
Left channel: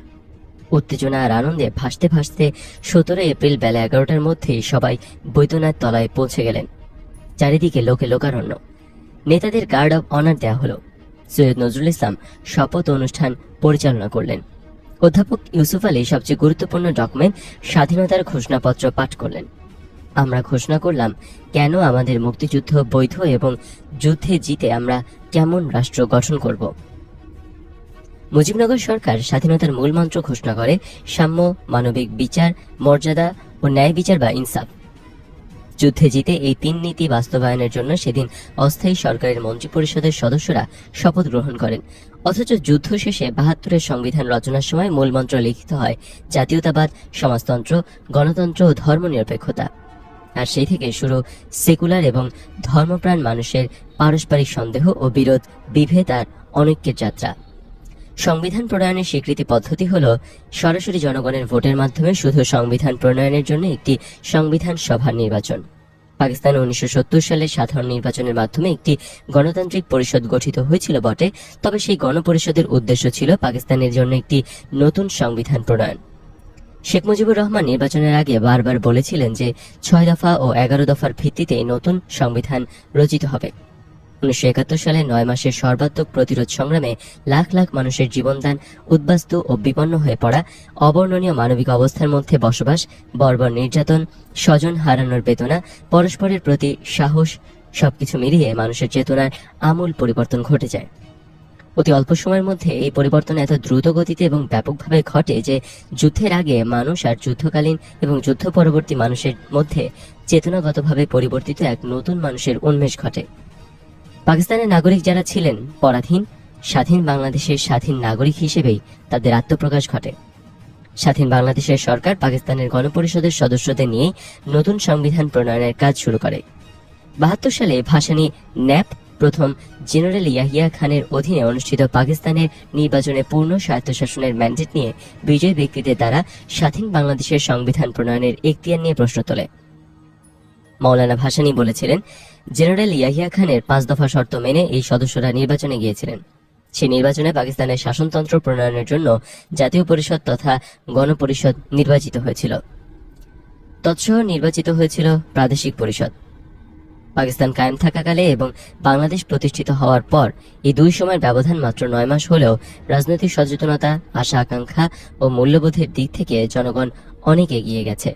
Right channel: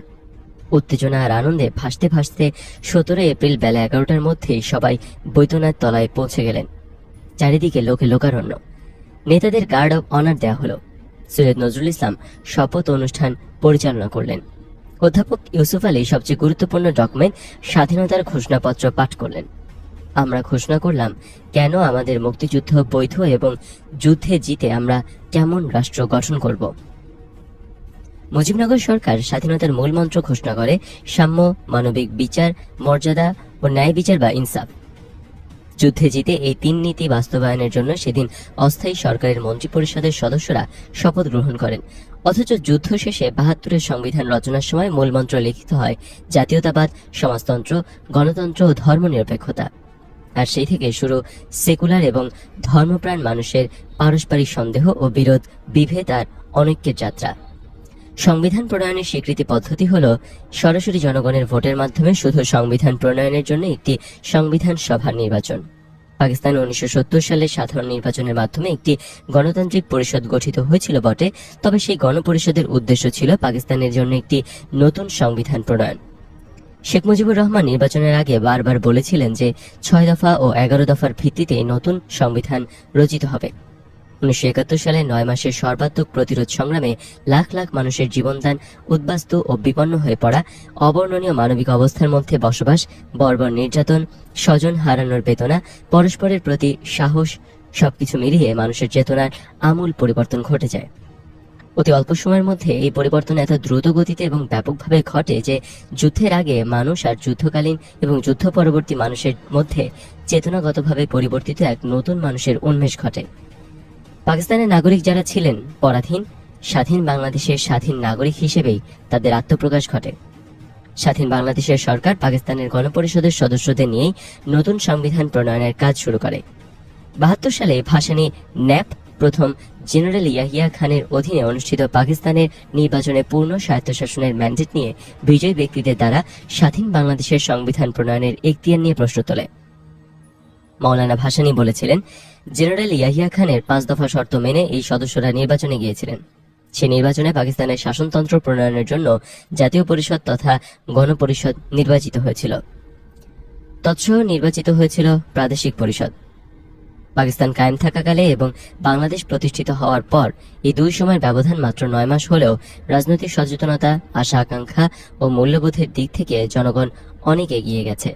উত্তেজনা আর আনন্দে ভাসতে ভাসতে 17 এপ্রিল বেলা 11টার মধ্যেই সবাই বৈদ্যনাথ তলায় পৌঁছে গেলেন। চারিদিকে লোকে লোকারণ্য। নেতাদের গার্ড অব অনার দেওয়া হলো। সৈয়দ নজরুল ইসলাম শপথ অনুষ্ঠান পরিচালনা করলেন। অধ্যাপক ইউসুফ আলী সবচেয়ে গুরুত্বপূর্ণ ডকুমেন্ট স্বাধীনতার ঘোষণাপত্র পাঠ করলেন। আমরা ঘোষণা করলাম কেন আমাদের মুক্তিযুদ্ধ বৈধ এবং যুদ্ধে জিতে আমরা কেমন রাষ্ট্র গঠন করব। মুজিবনগর সরকার স্বাধীনতার মূল মন্ত্র ঘোষণা করে সাম্য, মানবিক বিচার, মর্যাদা ও ন্যায় বিচার বা ইনসাফ। যুদ্ধে জিতে এই 3 নীতি বাস্তবায়নের জন্য সেদিন অস্থায়ী সরকারের মন্ত্রিপরিষদের সদস্যরা শপথ গ্রহণ করেন। অথচ যুদ্ধ শেষে 72-এর সংবিধান রচনার সময় মূল মন্ত্র লিখিত হয় জাতীয়তাবাদ, সমাজতন্ত্র, গণতন্ত্র ও ধর্মনিরপেক্ষতা। আর সেই থেকে শুরু সেকুলার এবং ধর্মপ্রাণ মানুষের পারস্পরিক সন্দেহ ও বিরোধ, বিভেদ আর অনৈক্যের যাত্রা। সংবিধান প্রণয়নের স্বীকৃতি পদ্ধতি হল সরাসরি জনগণের ভোটের মাধ্যমে শুধু সংবিধান প্রণয়নের জন্য একটি সংবিধান সভার নির্বাচন। পাকিস্তানে 1970 সালে সাধারণ নির্বাচনের মাধ্যমে একটি গণতান্ত্রিক পরিষদ গঠিত হয়েছিল বটে, তবে সেই গণপরিষদের উদ্দেশ্য ছিল পাকিস্তানের জন্য একটি নতুন সংবিধান প্রণয়ন। শেখ মুজিবুর রহমান নির্বাচনের আগে বারবার বলেছিলেন যে 6 দফা ও 11 দফার ভিত্তিতে নতুন সংবিধান রচিত হবে। 1971 সালে 9 মাসের সর্বাত্মক প্রতিরোধ সংগ্রামে লাখ লাখ মানুষের জীবনদান, উদ্বাস্ত ও বিপন্ন হয়ে পড়া, অবর্ণনীয় মানবিক অবস্থার মধ্যে বসবাস, বর্বর নির্যাতন, স্বজন হারানোর বেদনা, পরস্পরের প্রতি সাহস, সবকিছু মিলিয়ে মানুষের চেতনার আমূল পরিবর্তন ঘটে যায়। অতি অল্প সময়ের মধ্যে এই পরিবর্তন এত দ্রুত গতিতে এবং ব্যাপকভাবে ঘটে যে যুদ্ধের আগে মানুষ আর যুদ্ধকালীন এবং যুদ্ধ পরবর্তী মানুষের মধ্যে চেতনাগতভাবে পরিবর্তিত এক নতুন মানুষের উন্মেষ ঘটে। পাকিস্তানের নাগরিক যারা ছিলেন পরাধীন, স্বাধীন বাংলাদেশের স্বাধীন নাগরিক হিসেবেই তাদের আত্মপ্রকাশ ঘটে। স্বাধীন বাংলাদেশের সরকার পাকিস্তানের গণপরিষদের সদস্যদের নিয়ে নতুন সংবিধান প্রণয়নের কাজ শুরু করে। 72 সালে ভাসানী ন্যাপ প্রথম জেনারেল ইয়াহিয়া খানের অধীনে অনুষ্ঠিত পাকিস্তানের নির্বাচনে পূর্ণ স্বায়ত্তশাসনের ম্যান্ডেট নিয়ে বিজয়ী ব্যক্তিদের দ্বারা স্বাধীন বাংলাদেশের সংবিধান প্রণয়নের এখতিয়ার নিয়ে প্রশ্ন তোলে। মৌলানা ভাসানী বলেছিলেন, জেনারেল ইয়াহিয়া খানের 5 দফা শর্ত মেনে এই সদস্যরা নির্বাচনে গিয়েছিলেন। সে নির্বাচনে পাকিস্তানের শাসনতন্ত্র প্রণয়নের জন্য জাতীয় পরিষদ তথা গণপরিষদ নির্বাচিত হয়েছিল। তৎসহ নির্বাচিত হয়েছিল প্রাদেশিক পরিষদ। পাকিস্তান কায়েম থাকাকালে এবং বাংলাদেশ প্রতিষ্ঠিত হওয়ার পর এই দুই সময়ের ব্যবধান মাত্র 9 মাস হলেও রাজনৈতিক সচেতনতা, আশা আকাঙ্ক্ষা ও মূল্যবোধের দিক থেকে জনগণ অনেক এগিয়ে গেছে।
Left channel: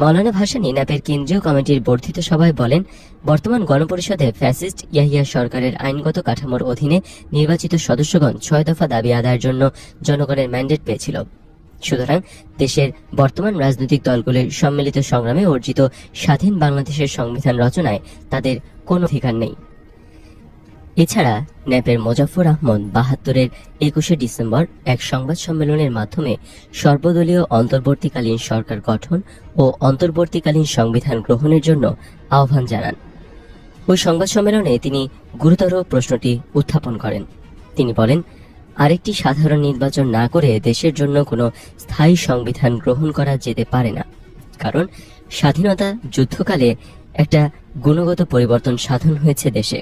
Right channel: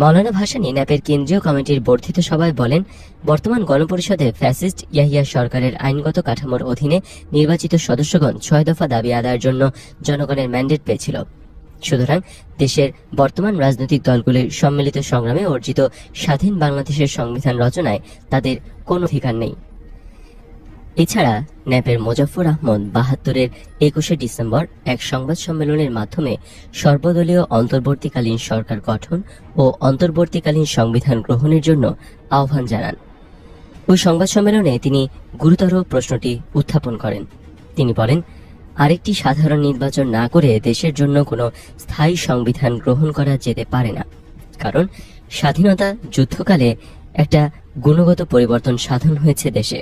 মৌলানা ভাসানী ন্যাপের কেন্দ্রীয় কমিটির বর্ধিত সভায় বলেন, বর্তমান গণপরিষদে ফ্যাসিস্ট ইয়াহিয়া সরকারের আইনগত কাঠামোর অধীনে নির্বাচিত সদস্যগণ 6 দফা দাবি আদায়ের জন্য জনগণের ম্যান্ডেট পেয়েছিল। সুতরাং দেশের বর্তমান রাজনৈতিক দলগুলির সম্মিলিত সংগ্রামে অর্জিত স্বাধীন বাংলাদেশের সংবিধান রচনায় তাদের কোনো অধিকার নেই। এছাড়া ন্যাপের মোজাফফর আহমদ 72-এর 21শে ডিসেম্বর এক সংবাদ সম্মেলনের মাধ্যমে সর্বদলীয় অন্তর্বর্তীকালীন সরকার গঠন ও অন্তর্বর্তীকালীন সংবিধান গ্রহণের জন্য আহ্বান জানান। ওই সংবাদ সম্মেলনে তিনি গুরুতর প্রশ্নটি উত্থাপন করেন। তিনি বলেন, আরেকটি সাধারণ নির্বাচন না করে দেশের জন্য কোনো স্থায়ী সংবিধান গ্রহণ করা যেতে পারে না, কারণ স্বাধীনতা যুদ্ধকালে একটা গুণগত পরিবর্তন সাধন হয়েছে দেশে,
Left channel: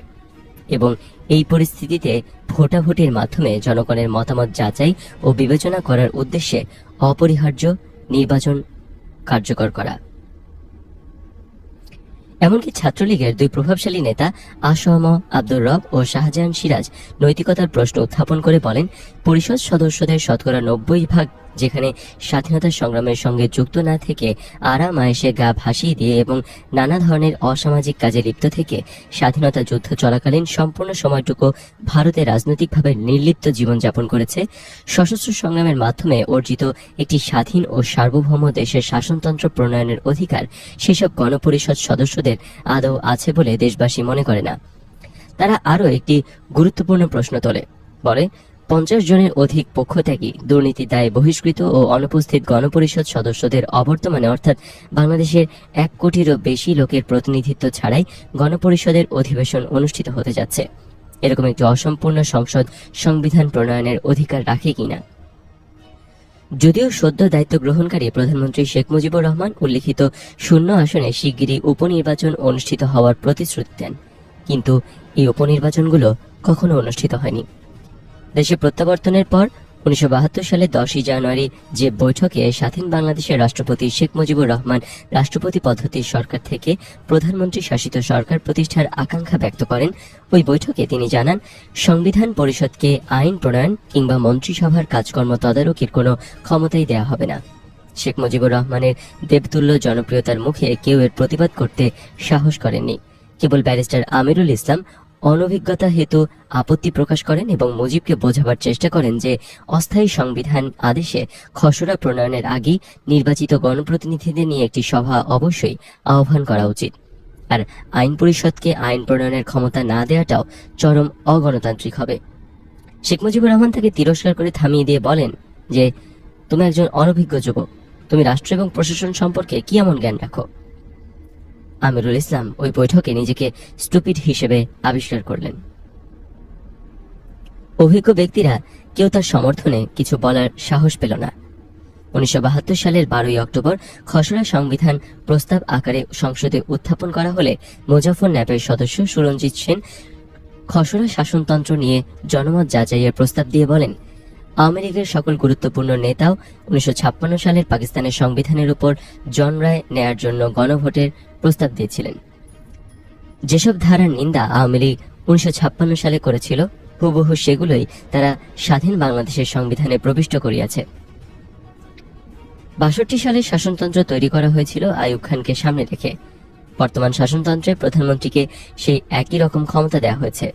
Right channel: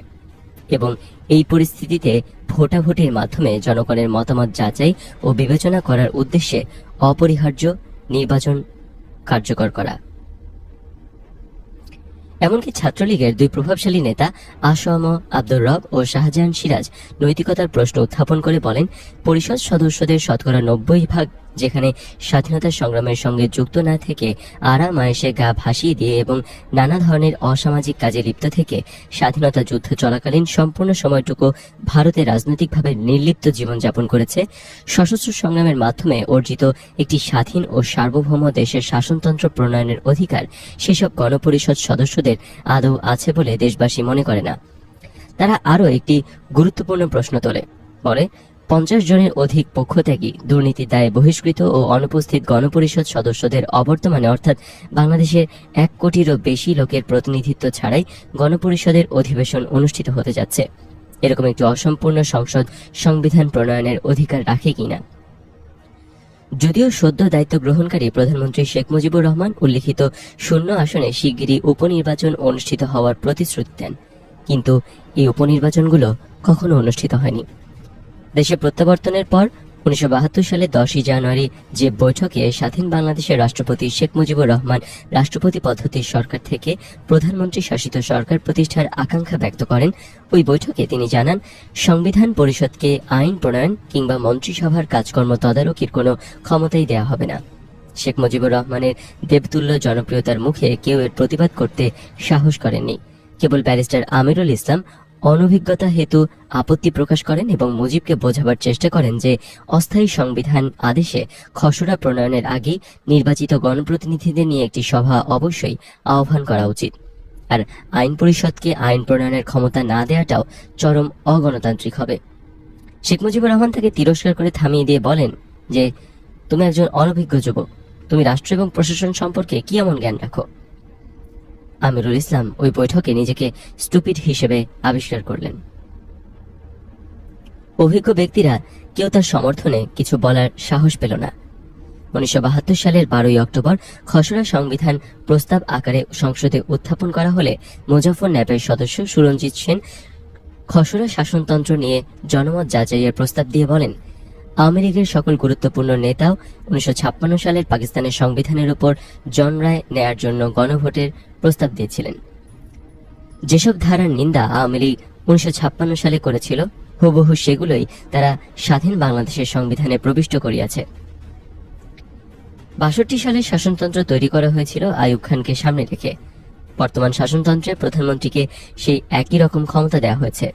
এবং এই পরিস্থিতিতে ভোটাভুটির মাধ্যমে জনগণের মতামত যাচাই ও বিবেচনা করার উদ্দেশ্যে অপরিহার্য নির্বাচন কার্যকর করা। এমনকি ছাত্রলীগের দুই প্রভাবশালী নেতা আসম আব্দুর রব ও শাহজাহান সিরাজ নৈতিকতার প্রশ্ন উত্থাপন করে বলেন, পরিষদ সদস্যদের শতকরা 90% যেখানে স্বাধীনতা সংগ্রামের সঙ্গে যুক্ত না থেকে আরাম আয়েশে গা ভাসিয়ে দিয়ে এবং নানা ধরনের অসামাজিক কাজে লিপ্ত থেকে স্বাধীনতা যুদ্ধ চলাকালীন সম্পূর্ণ সময়টুকু ভারতে রাজনৈতিকভাবে নির্লিপ্ত জীবনযাপন করেছে, সশস্ত্র সংগ্রামের মাধ্যমে অর্জিত একটি স্বাধীন ও সার্বভৌম দেশের শাসনতন্ত্র প্রণয়নের অধিকার সেসব গণপরিষদ সদস্যদের আদৌ আছে বলে দেশবাসী মনে করে না। তারা আরও একটি গুরুত্বপূর্ণ প্রশ্ন তোলে, বলে 50 জনের অধিক পক্ষত্যাগী, দুর্নীতির দায়ে বহিষ্কৃত ও অনুপস্থিত গণপরিষদ সদস্যদের অবর্তমানে অর্থাৎ বাংলাদেশের 1 কোটিরও বেশি লোকের প্রতিনিধিত্ব ছাড়াই গণপরিষদের অধিবেশন অনুষ্ঠিত হতে যাচ্ছে। এরকম একটি অসম্পূর্ণ সংসদ সংবিধান প্রণয়নের অধিকার রাখে কিনা? যদিও সদ্য দায়িত্ব গ্রহণকারী প্রধানমন্ত্রী শেখ মুজিবুর রহমান উল্লিখিত 0 আসনে শিগগিরই উপনির্বাচন অনুষ্ঠিত হওয়ার প্রতিশ্রুতি দেন, কিন্তু এই উপনির্বাচনগুলো কখনো অনুষ্ঠিত হয়নি। দেশে প্রত্যাবর্তনের পর 1972 সালে 10 জানুয়ারি যে বৈঠকে স্বাধীন বাংলাদেশের রাষ্ট্রপতি শেখ মুজিবুর রহমান রাষ্ট্রপতি পদ্ধতির সরকার থেকে প্রধানমন্ত্রী শাসিত সরকার প্রতিষ্ঠার আকাঙ্ক্ষা ব্যক্ত করেন, ওই বৈঠকে তিনি জানান, সংবিধান পরিষদকে আইন প্রণয়ন কিংবা মন্ত্রিসভার কাজকর্ম তদারকির কোনো ক্ষমতাই দেয়া হবে না। শেখ মুজিবুর রহমানের দেবতুল্য জনপ্রিয়তার মুখে কেউ এর প্রতিবাদ করতে সাহস করেননি। কেবল ব্যারিস্টার আমিরুল ইসলাম অনভিজ্ঞতা হেতু আপত্তি প্রকাশ করেন এবং মুজিবকে বোঝাবার চেষ্টা করেন যে অস্থায়ী সংবিধান আদেশে খসড়া প্রণয়নের আগে নির্বাচিত গণপ্রতিনিধিদের নিয়ে একটি সভা অবশ্যই আহ্বান করা উচিত, আর আইন পরিষদকে আইন প্রণয়নের ক্ষমতা না দেওয়াটাও চরম অগণতান্ত্রিক হবে। শেখ মুজিবুর রহমান তাকে তিরস্কার করে থামিয়ে দিয়ে বলেন যে, তুমি একজন অনভিজ্ঞ যুবক, তুমি রাষ্ট্র এবং প্রশাসন সম্পর্কে কি এমন জ্ঞান রাখো? আমিরুল ইসলাম ওই বৈঠকে নিজেকে স্টুপিড হিসেবে আবিষ্কার করলেন। অভিজ্ঞ ব্যক্তিরা কেউ তার সমর্থনে কিছু বলার সাহস পেল না। 1972 সালের 12 অক্টোবর খসড়া সংবিধান প্রস্তাব আকারে সংসদে উত্থাপন করা হলে মুজাফফর ন্যাপের সদস্য সুরঞ্জিত সেন খসড়া শাসনতন্ত্র নিয়ে জনমত যাচাইয়ের প্রস্তাব দিয়ে বলেন, আওয়ামী লীগের সকল গুরুত্বপূর্ণ নেতাও 1956 সালের পাকিস্তানের সংবিধানের উপর জনরায় নেয়ার জন্য গণভোটের প্রস্তাব দিয়েছিলেন। যেসব ধারার নিন্দা আওয়ামী লীগ 1956 সালে করেছিল, হুবহু সেগুলোই তারা স্বাধীন বাংলাদেশের সংবিধানে প্রবিষ্ট করিয়াছে। 62 সালে শাসনতন্ত্র তৈরি করা হয়েছিল আইয়ুব খানকে সামনে রেখে। বর্তমান শাসনতন্ত্রে প্রধানমন্ত্রীকে সেই একই রকম ক্ষমতা দেওয়া হয়েছে।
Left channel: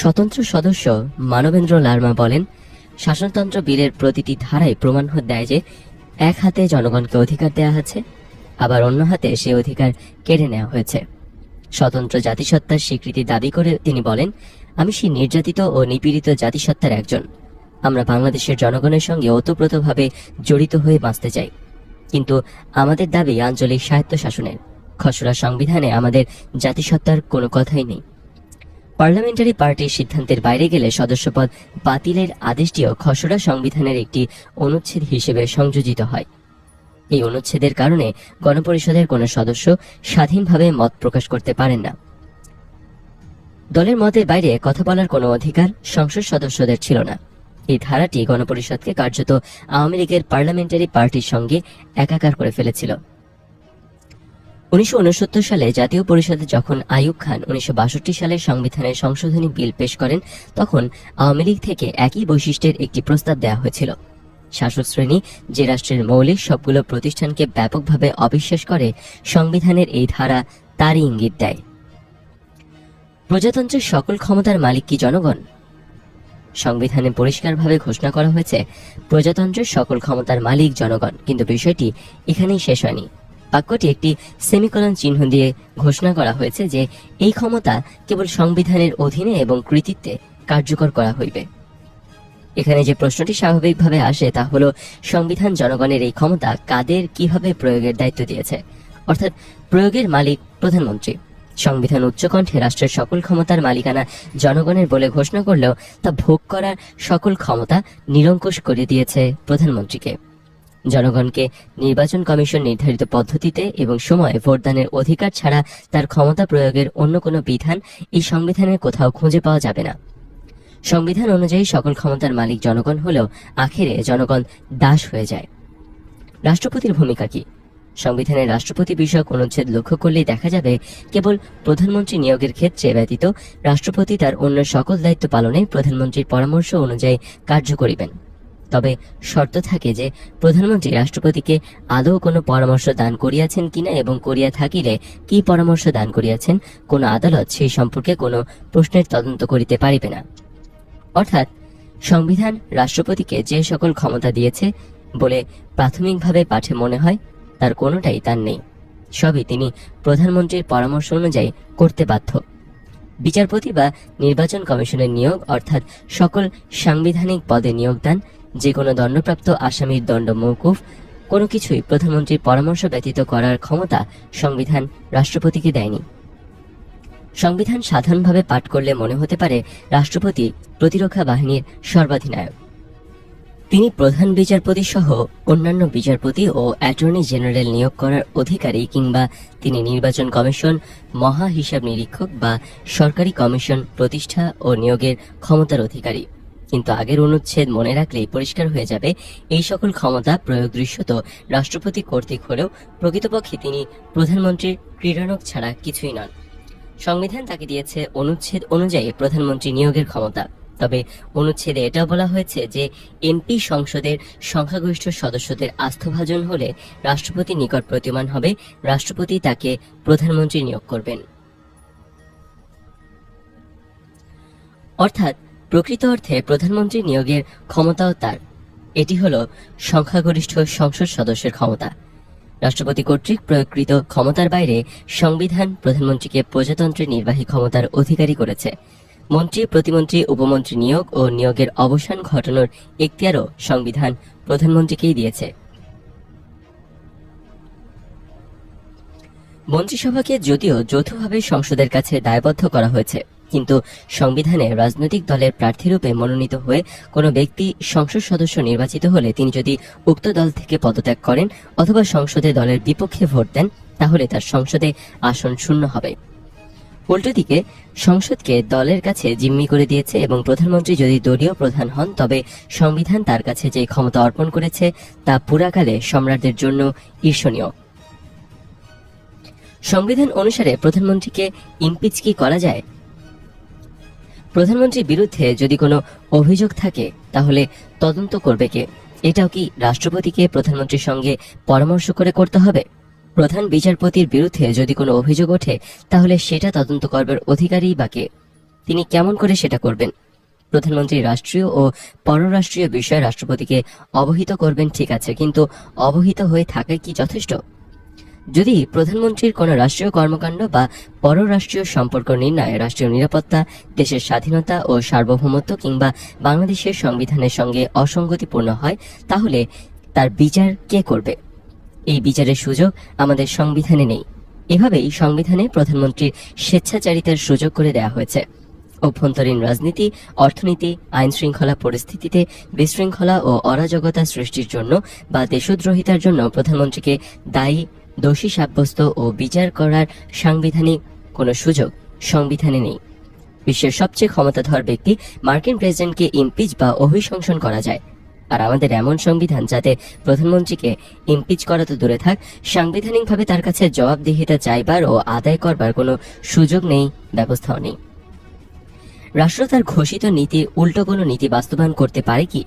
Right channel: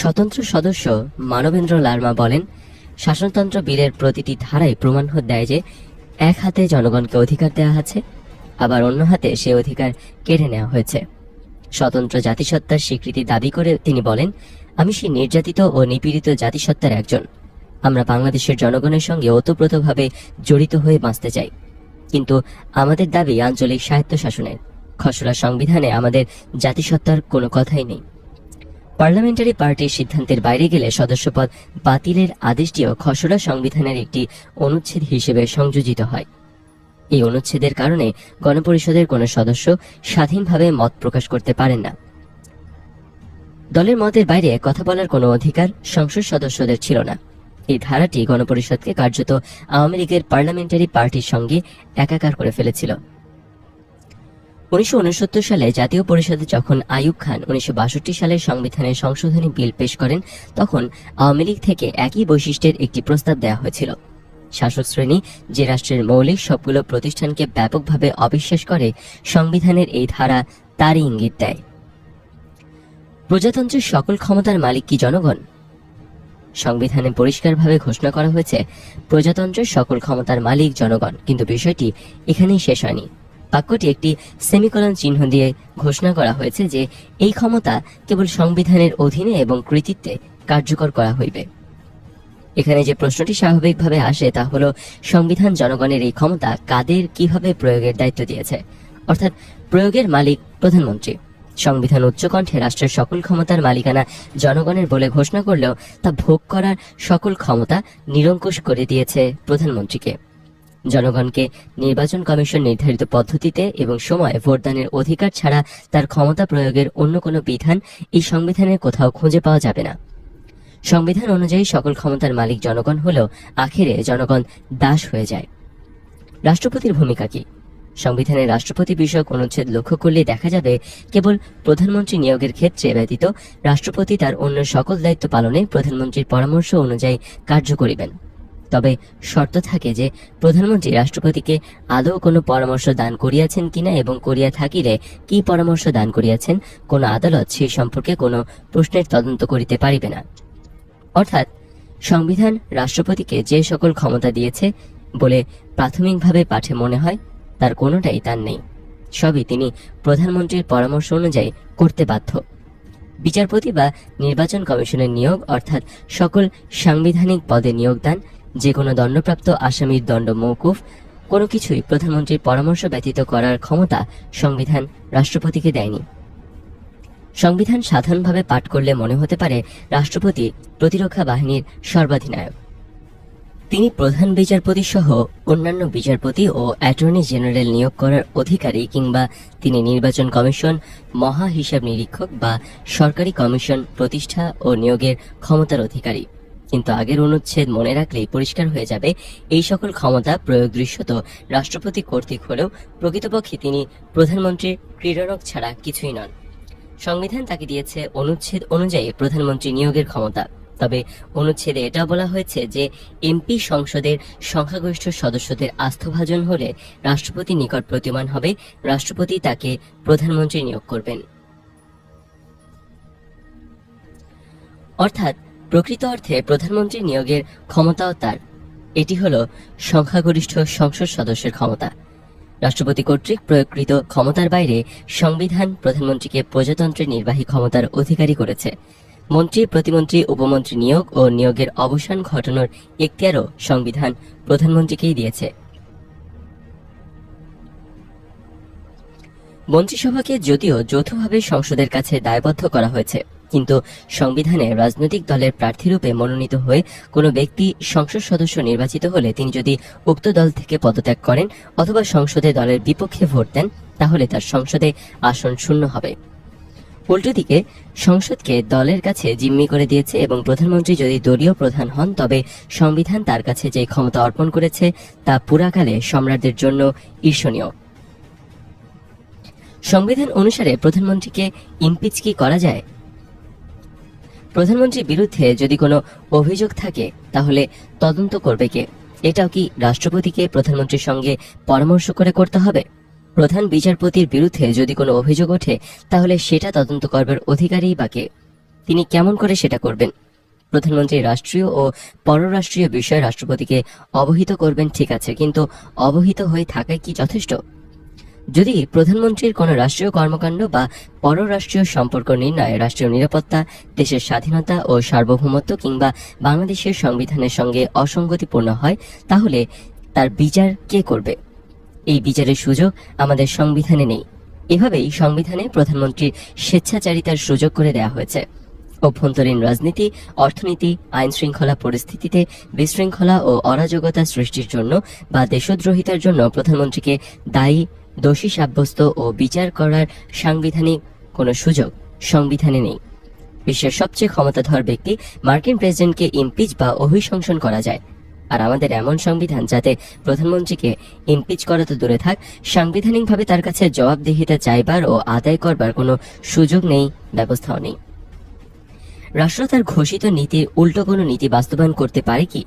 স্বতন্ত্র সদস্য মানবেন্দ্র লারমা বলেন, শাসনতন্ত্র বিলের প্রতিটি ধারায় প্রমাণ দেয় যে এক হাতে জনগণকে অধিকার দেওয়া আছে, আবার অন্য হাতে সে অধিকার কেড়ে নেওয়া হয়েছে। স্বতন্ত্র জাতিসত্তার স্বীকৃতি দাবি করে তিনি বলেন, আমি সেই নির্যাতিত ও নিপীড়িত জাতিসত্তার একজন। আমরা বাংলাদেশের জনগণের সঙ্গে ওতপ্রোতভাবে জড়িত হয়ে বাঁচতে চাই, কিন্তু আমাদের দাবি আঞ্চলিক স্বায়ত্তশাসনের। খসড়া সংবিধানে আমাদের জাতিসত্তার কোনো কথাই নেই। পার্লামেন্টারি পার্টির সিদ্ধান্তের বাইরে গেলে সদস্যপদ বাতিলের আদেশটিও খসড়া সংবিধানের একটি অনুচ্ছেদ হিসেবে সংযোজিত হয়। এই অনুচ্ছেদের কারণে গণপরিষদের কোনো সদস্য স্বাধীনভাবে মত প্রকাশ করতে পারেন না। দলের মতের বাইরে কথা বলার কোনো অধিকার সংসদ সদস্যদের ছিল না। এই ধারাটি গণপরিষদকে কার্যত আওয়ামী লীগের পার্লামেন্টারি পার্টির সঙ্গে একাকার করে ফেলেছিল। 1969 সালে জাতীয় পরিষদে যখন আইয়ুব খান 1962 সালের সংবিধানের সংশোধনী বিল পেশ করেন, তখন আওয়ামী লীগ থেকে একই বৈশিষ্ট্যের একটি প্রস্তাব দেওয়া হয়েছিল। শাসক শ্রেণী যে রাষ্ট্রের মৌলিক সবগুলো প্রতিষ্ঠানকে ব্যাপকভাবে অবিশ্বাস করে, সংবিধানের এই ধারা তারই ইঙ্গিত দেয়। প্রজাতন্ত্রের সকল ক্ষমতার মালিক কি জনগণ? সংবিধানে পরিষ্কারভাবে ঘোষণা করা হয়েছে প্রজাতন্ত্রের সকল ক্ষমতার মালিক জনগণ, কিন্তু বিষয়টি এখানেই শেষ হয়নি। বাক্যটি একটি সেমিকোলন চিহ্ন দিয়ে ঘোষণা করা হয়েছে যে এই ক্ষমতা কেবল সংবিধানের অধীনে এবং কৃতিত্বে কার্যকর করা হইবে। এখানে যে প্রশ্নটি স্বাভাবিকভাবে আসে তা হলো, সংবিধান জনগণের এই ক্ষমতা কাদের কিভাবে প্রয়োগের দায়িত্ব দিয়েছে, অর্থাৎ প্রয়োগের মালিক প্রধানমন্ত্রী। সংবিধান উচ্চকণ্ঠে রাষ্ট্রের সকল ক্ষমতার মালিকানা জনগণের বলে ঘোষণা করলেও তা ভোগ করার সকল ক্ষমতা নিরঙ্কুশ করে দিয়েছে প্রধানমন্ত্রীকে। জনগণকে নির্বাচন কমিশন নির্ধারিত পদ্ধতিতে এবং সময়ে ভোটদানের অধিকার ছাড়া তার ক্ষমতা প্রয়োগের অন্য কোনো বিধান এই সংবিধানের কোথাও খুঁজে পাওয়া যাবে না। সংবিধান অনুযায়ী সকল ক্ষমতার মালিক জনগণ হলেও আখেরে জনগণ দাস হয়ে যায়। রাষ্ট্রপতির ভূমিকা কি? সংবিধানের রাষ্ট্রপতি বিষয়ক অনুচ্ছেদ লক্ষ্য করলে দেখা যাবে কেবল প্রধানমন্ত্রী নিয়োগের ক্ষেত্রে ব্যতীত রাষ্ট্রপতি তার অন্য সকল দায়িত্ব পালনে প্রধানমন্ত্রীর পরামর্শ অনুযায়ী কার্য করিবেন। তবে শর্ত থাকে যে প্রধানমন্ত্রী রাষ্ট্রপতিকে আদৌ কোনো পরামর্শ দান করিয়াছেন কিনা এবং করিয়া থাকিলে কি পরামর্শ দান করিয়াছেন কোন আদালত সেই সম্পর্কে কোনো প্রশ্নের তদন্ত করিতে পারিবে না। অর্থাৎ সংবিধান রাষ্ট্রপতিকে যে সকল ক্ষমতা দিয়েছে বলে প্রাথমিকভাবে পাঠে মনে হয় তার কোনোটাই তার নেই, সবই তিনি প্রধানমন্ত্রীর পরামর্শ অনুযায়ী করতে বাধ্য। বিচারপতি বা নির্বাচন কমিশনের নিয়োগ অর্থাৎ সকল সাংবিধানিক পদে নিয়োগদান, যে কোনো দণ্ডপ্রাপ্ত আসামির দণ্ড মওকুফ, কোনো কিছুই প্রধানমন্ত্রীর পরামর্শ ব্যতীত করার ক্ষমতা সংবিধান রাষ্ট্রপতিকে দেয়নি। সংবিধান সাধারণভাবে পাঠ করলে মনে হতে পারে রাষ্ট্রপতি প্রতিরক্ষা বাহিনীর সর্বাধিনায়ক। তিনি প্রধান বিচারপতি সহ অন্যান্য বিচারপতি ও অ্যাটর্নি জেনারেল নিয়োগ করার অধিকারী, কিংবা তিনি নির্বাচন কমিশন, মহা হিসাব নিরীক্ষক বা সরকারি কমিশন প্রতিষ্ঠা ও নিয়োগের ক্ষমতার অধিকারী। কিন্তু আগের অনুচ্ছেদ মনে রাখলেই পরিষ্কার হয়ে যাবে এই সকল ক্ষমতা প্রয়োগ দৃশ্যত রাষ্ট্রপতি কর্তৃক হলেও প্রকৃতপক্ষে তিনি প্রধানমন্ত্রীর ক্রীড়নক ছাড়া কিছুই নন। সংবিধান তাকে দিয়েছে অনুচ্ছেদ অনুযায়ী প্রধানমন্ত্রী নিয়োগের ক্ষমতা। তবে অনুচ্ছেদে এটা বলা হয়েছে যে এমপি সংসদের সংখ্যাগরিষ্ঠ সদস্যদের আস্থাভাজন হলে রাষ্ট্রপতির নিকট প্রতিমান হবে, রাষ্ট্রপতি তাকে প্রধানমন্ত্রী নিয়োগ করবেন। অর্থাৎ প্রকৃত অর্থে প্রধানমন্ত্রী নিয়োগের ক্ষমতাও তার। এটি হলো সংখ্যাগরিষ্ঠ সংসদ সদস্যের ক্ষমতা। রাষ্ট্রপতি কর্তৃক প্রয়োগকৃত ক্ষমতার বাইরে সংবিধান প্রধানমন্ত্রীকে প্রজাতন্ত্রের নির্বাহী ক্ষমতার অধিকারী করেছে। মন্ত্রী, প্রতিমন্ত্রী, উপমন্ত্রী নিয়োগ ও নিয়োগের অবসান ঘটানোর এখতিয়ারও সংবিধান প্রধানমন্ত্রীকেই দিয়েছে। মন্ত্রিসভাকে যদিও যৌথভাবে সংসদের কাছে দায়বদ্ধ করা হয়েছে, কিন্তু সংবিধানে রাজনৈতিক দলের প্রার্থীরূপে মনোনীত হয়ে কোনো ব্যক্তি সংসদ সদস্য নির্বাচিত হলে তিনি যদি উক্ত দল থেকে পদত্যাগ করেন অথবা সংসদে দলের বিপক্ষে ভোট দেন তাহলে তার সংসদে আসন শূন্য হবে। উল্টোদিকে সংসদকে দলের কাছে জিম্মি করে দিয়েছে এবং প্রধানমন্ত্রী যদি দলীয় প্রধান হন তবে সংবিধান তার কাছে যে ক্ষমতা অর্পণ করেছে তা পুরাকালে সম্রাটদের জন্য ঈর্ষণীয়। সংবিধান অনুসারে প্রধানমন্ত্রীকে ইমপিচ কি করা যায়? প্রধানমন্ত্রীর বিরুদ্ধে যদি কোনো অভিযোগ থাকে তাহলে তদন্ত করবে কে? এটাও কি রাষ্ট্রপতিকে প্রধানমন্ত্রীর সঙ্গে পরামর্শ করে করতে হবে? প্রধান বিচারপতির বিরুদ্ধে যদি কোনো অভিযোগ ওঠে তাহলে সেটা তদন্ত করবার অধিকারী বা কে? তিনি কেমন করে সেটা করবেন? প্রধানমন্ত্রী রাষ্ট্রীয় ও পররাষ্ট্রীয় বিষয়ে রাষ্ট্রপতিকে অবহিত করবেন, ঠিক আছে, কিন্তু অবহিত হয়ে থাকাই কি যথেষ্ট? যদি প্রধানমন্ত্রীর কোনো রাষ্ট্রীয় কর্মকাণ্ড বা পররাষ্ট্রীয় সম্পর্ক নির্ণয়ে রাষ্ট্রীয় নিরাপত্তা, দেশের স্বাধীনতা ও সার্বভৌমত্ব কিংবা বাংলাদেশের সংবিধানের সঙ্গে অসঙ্গতিপূর্ণ হয় তাহলে তার বিচার কে করবে? এই বিচারের সুযোগ আমাদের সংবিধানে নেই। এভাবেই সংবিধানে প্রধানমন্ত্রীর স্বেচ্ছাচারিতার সুযোগ করে দেওয়া হয়েছে। অভ্যন্তরীণ রাজনীতি, অর্থনীতি, আইন শৃঙ্খলা পরিস্থিতিতে বিশৃঙ্খলা ও অরাজকতা সৃষ্টির জন্য বা দেশদ্রোহিতার জন্য প্রধানমন্ত্রীকে দায়ী, দোষী সাব্যস্ত ও বিচার করার সাংবিধানিক কোনো সুযোগ সংবিধানে নেই। বিশ্বের সবচেয়ে ক্ষমতাধর ব্যক্তি মার্কিন প্রেসিডেন্টকে ইমপিচ বা অভিশংসন করা যায়, আর আমাদের এমন সংবিধান যাতে প্রধানমন্ত্রীকে ইমপিচ করা তো দূরে থাক, সাংবিধানিকভাবে তার কাছে জবাবদিহিতা চাইবার ও আদায় করবার কোনো সুযোগ নেই, ব্যবস্থাও নেই। রাষ্ট্র তার ঘোষিত নীতির উল্টো কোনো নীতি বাস্তবায়ন করতে পারে কি?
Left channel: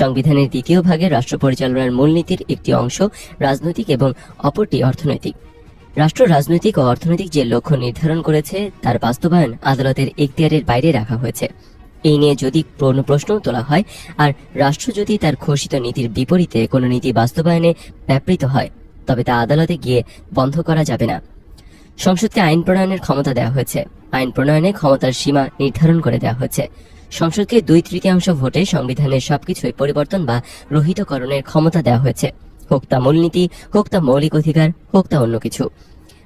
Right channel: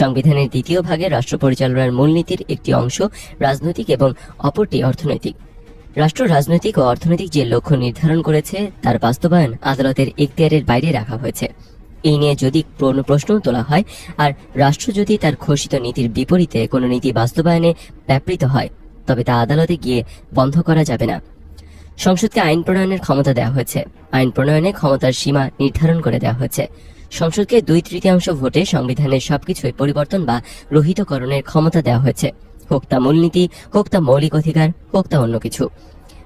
সংবিধানের দ্বিতীয় ভাগে রাষ্ট্র পরিচালনার মূলনীতির একটি অংশ রাজনৈতিক এবং অপরটি অর্থনৈতিক। রাষ্ট্র রাজনৈতিক ও অর্থনৈতিক যে লক্ষ্য নির্ধারণ করেছে তার বাস্তবায়ন আদালতের এখতিয়ারের বাইরে রাখা হয়েছে। এই নিয়ে যদি কোনো প্রশ্ন তোলা হয় আর রাষ্ট্র যদি তার ঘোষিত নীতির বিপরীতে কোনো নীতি বাস্তবায়নে ব্যাপৃত হয় তবে তা আদালতে গিয়ে বন্ধ করা যাবে না। সংসদকে আইন প্রণয়নের ক্ষমতা দেওয়া হয়েছে। আইন প্রণয়নে ক্ষমতার সীমা নির্ধারণ করে দেওয়া হয়েছে। সংসদকে 2/3 ভোটে সংবিধানের সবকিছুই পরিবর্তন বা রহিতকরণের ক্ষমতা দেওয়া হয়েছে, হোক তা মূলনীতি, হোক তা মৌলিক অধিকার, হোক তা অন্য কিছু।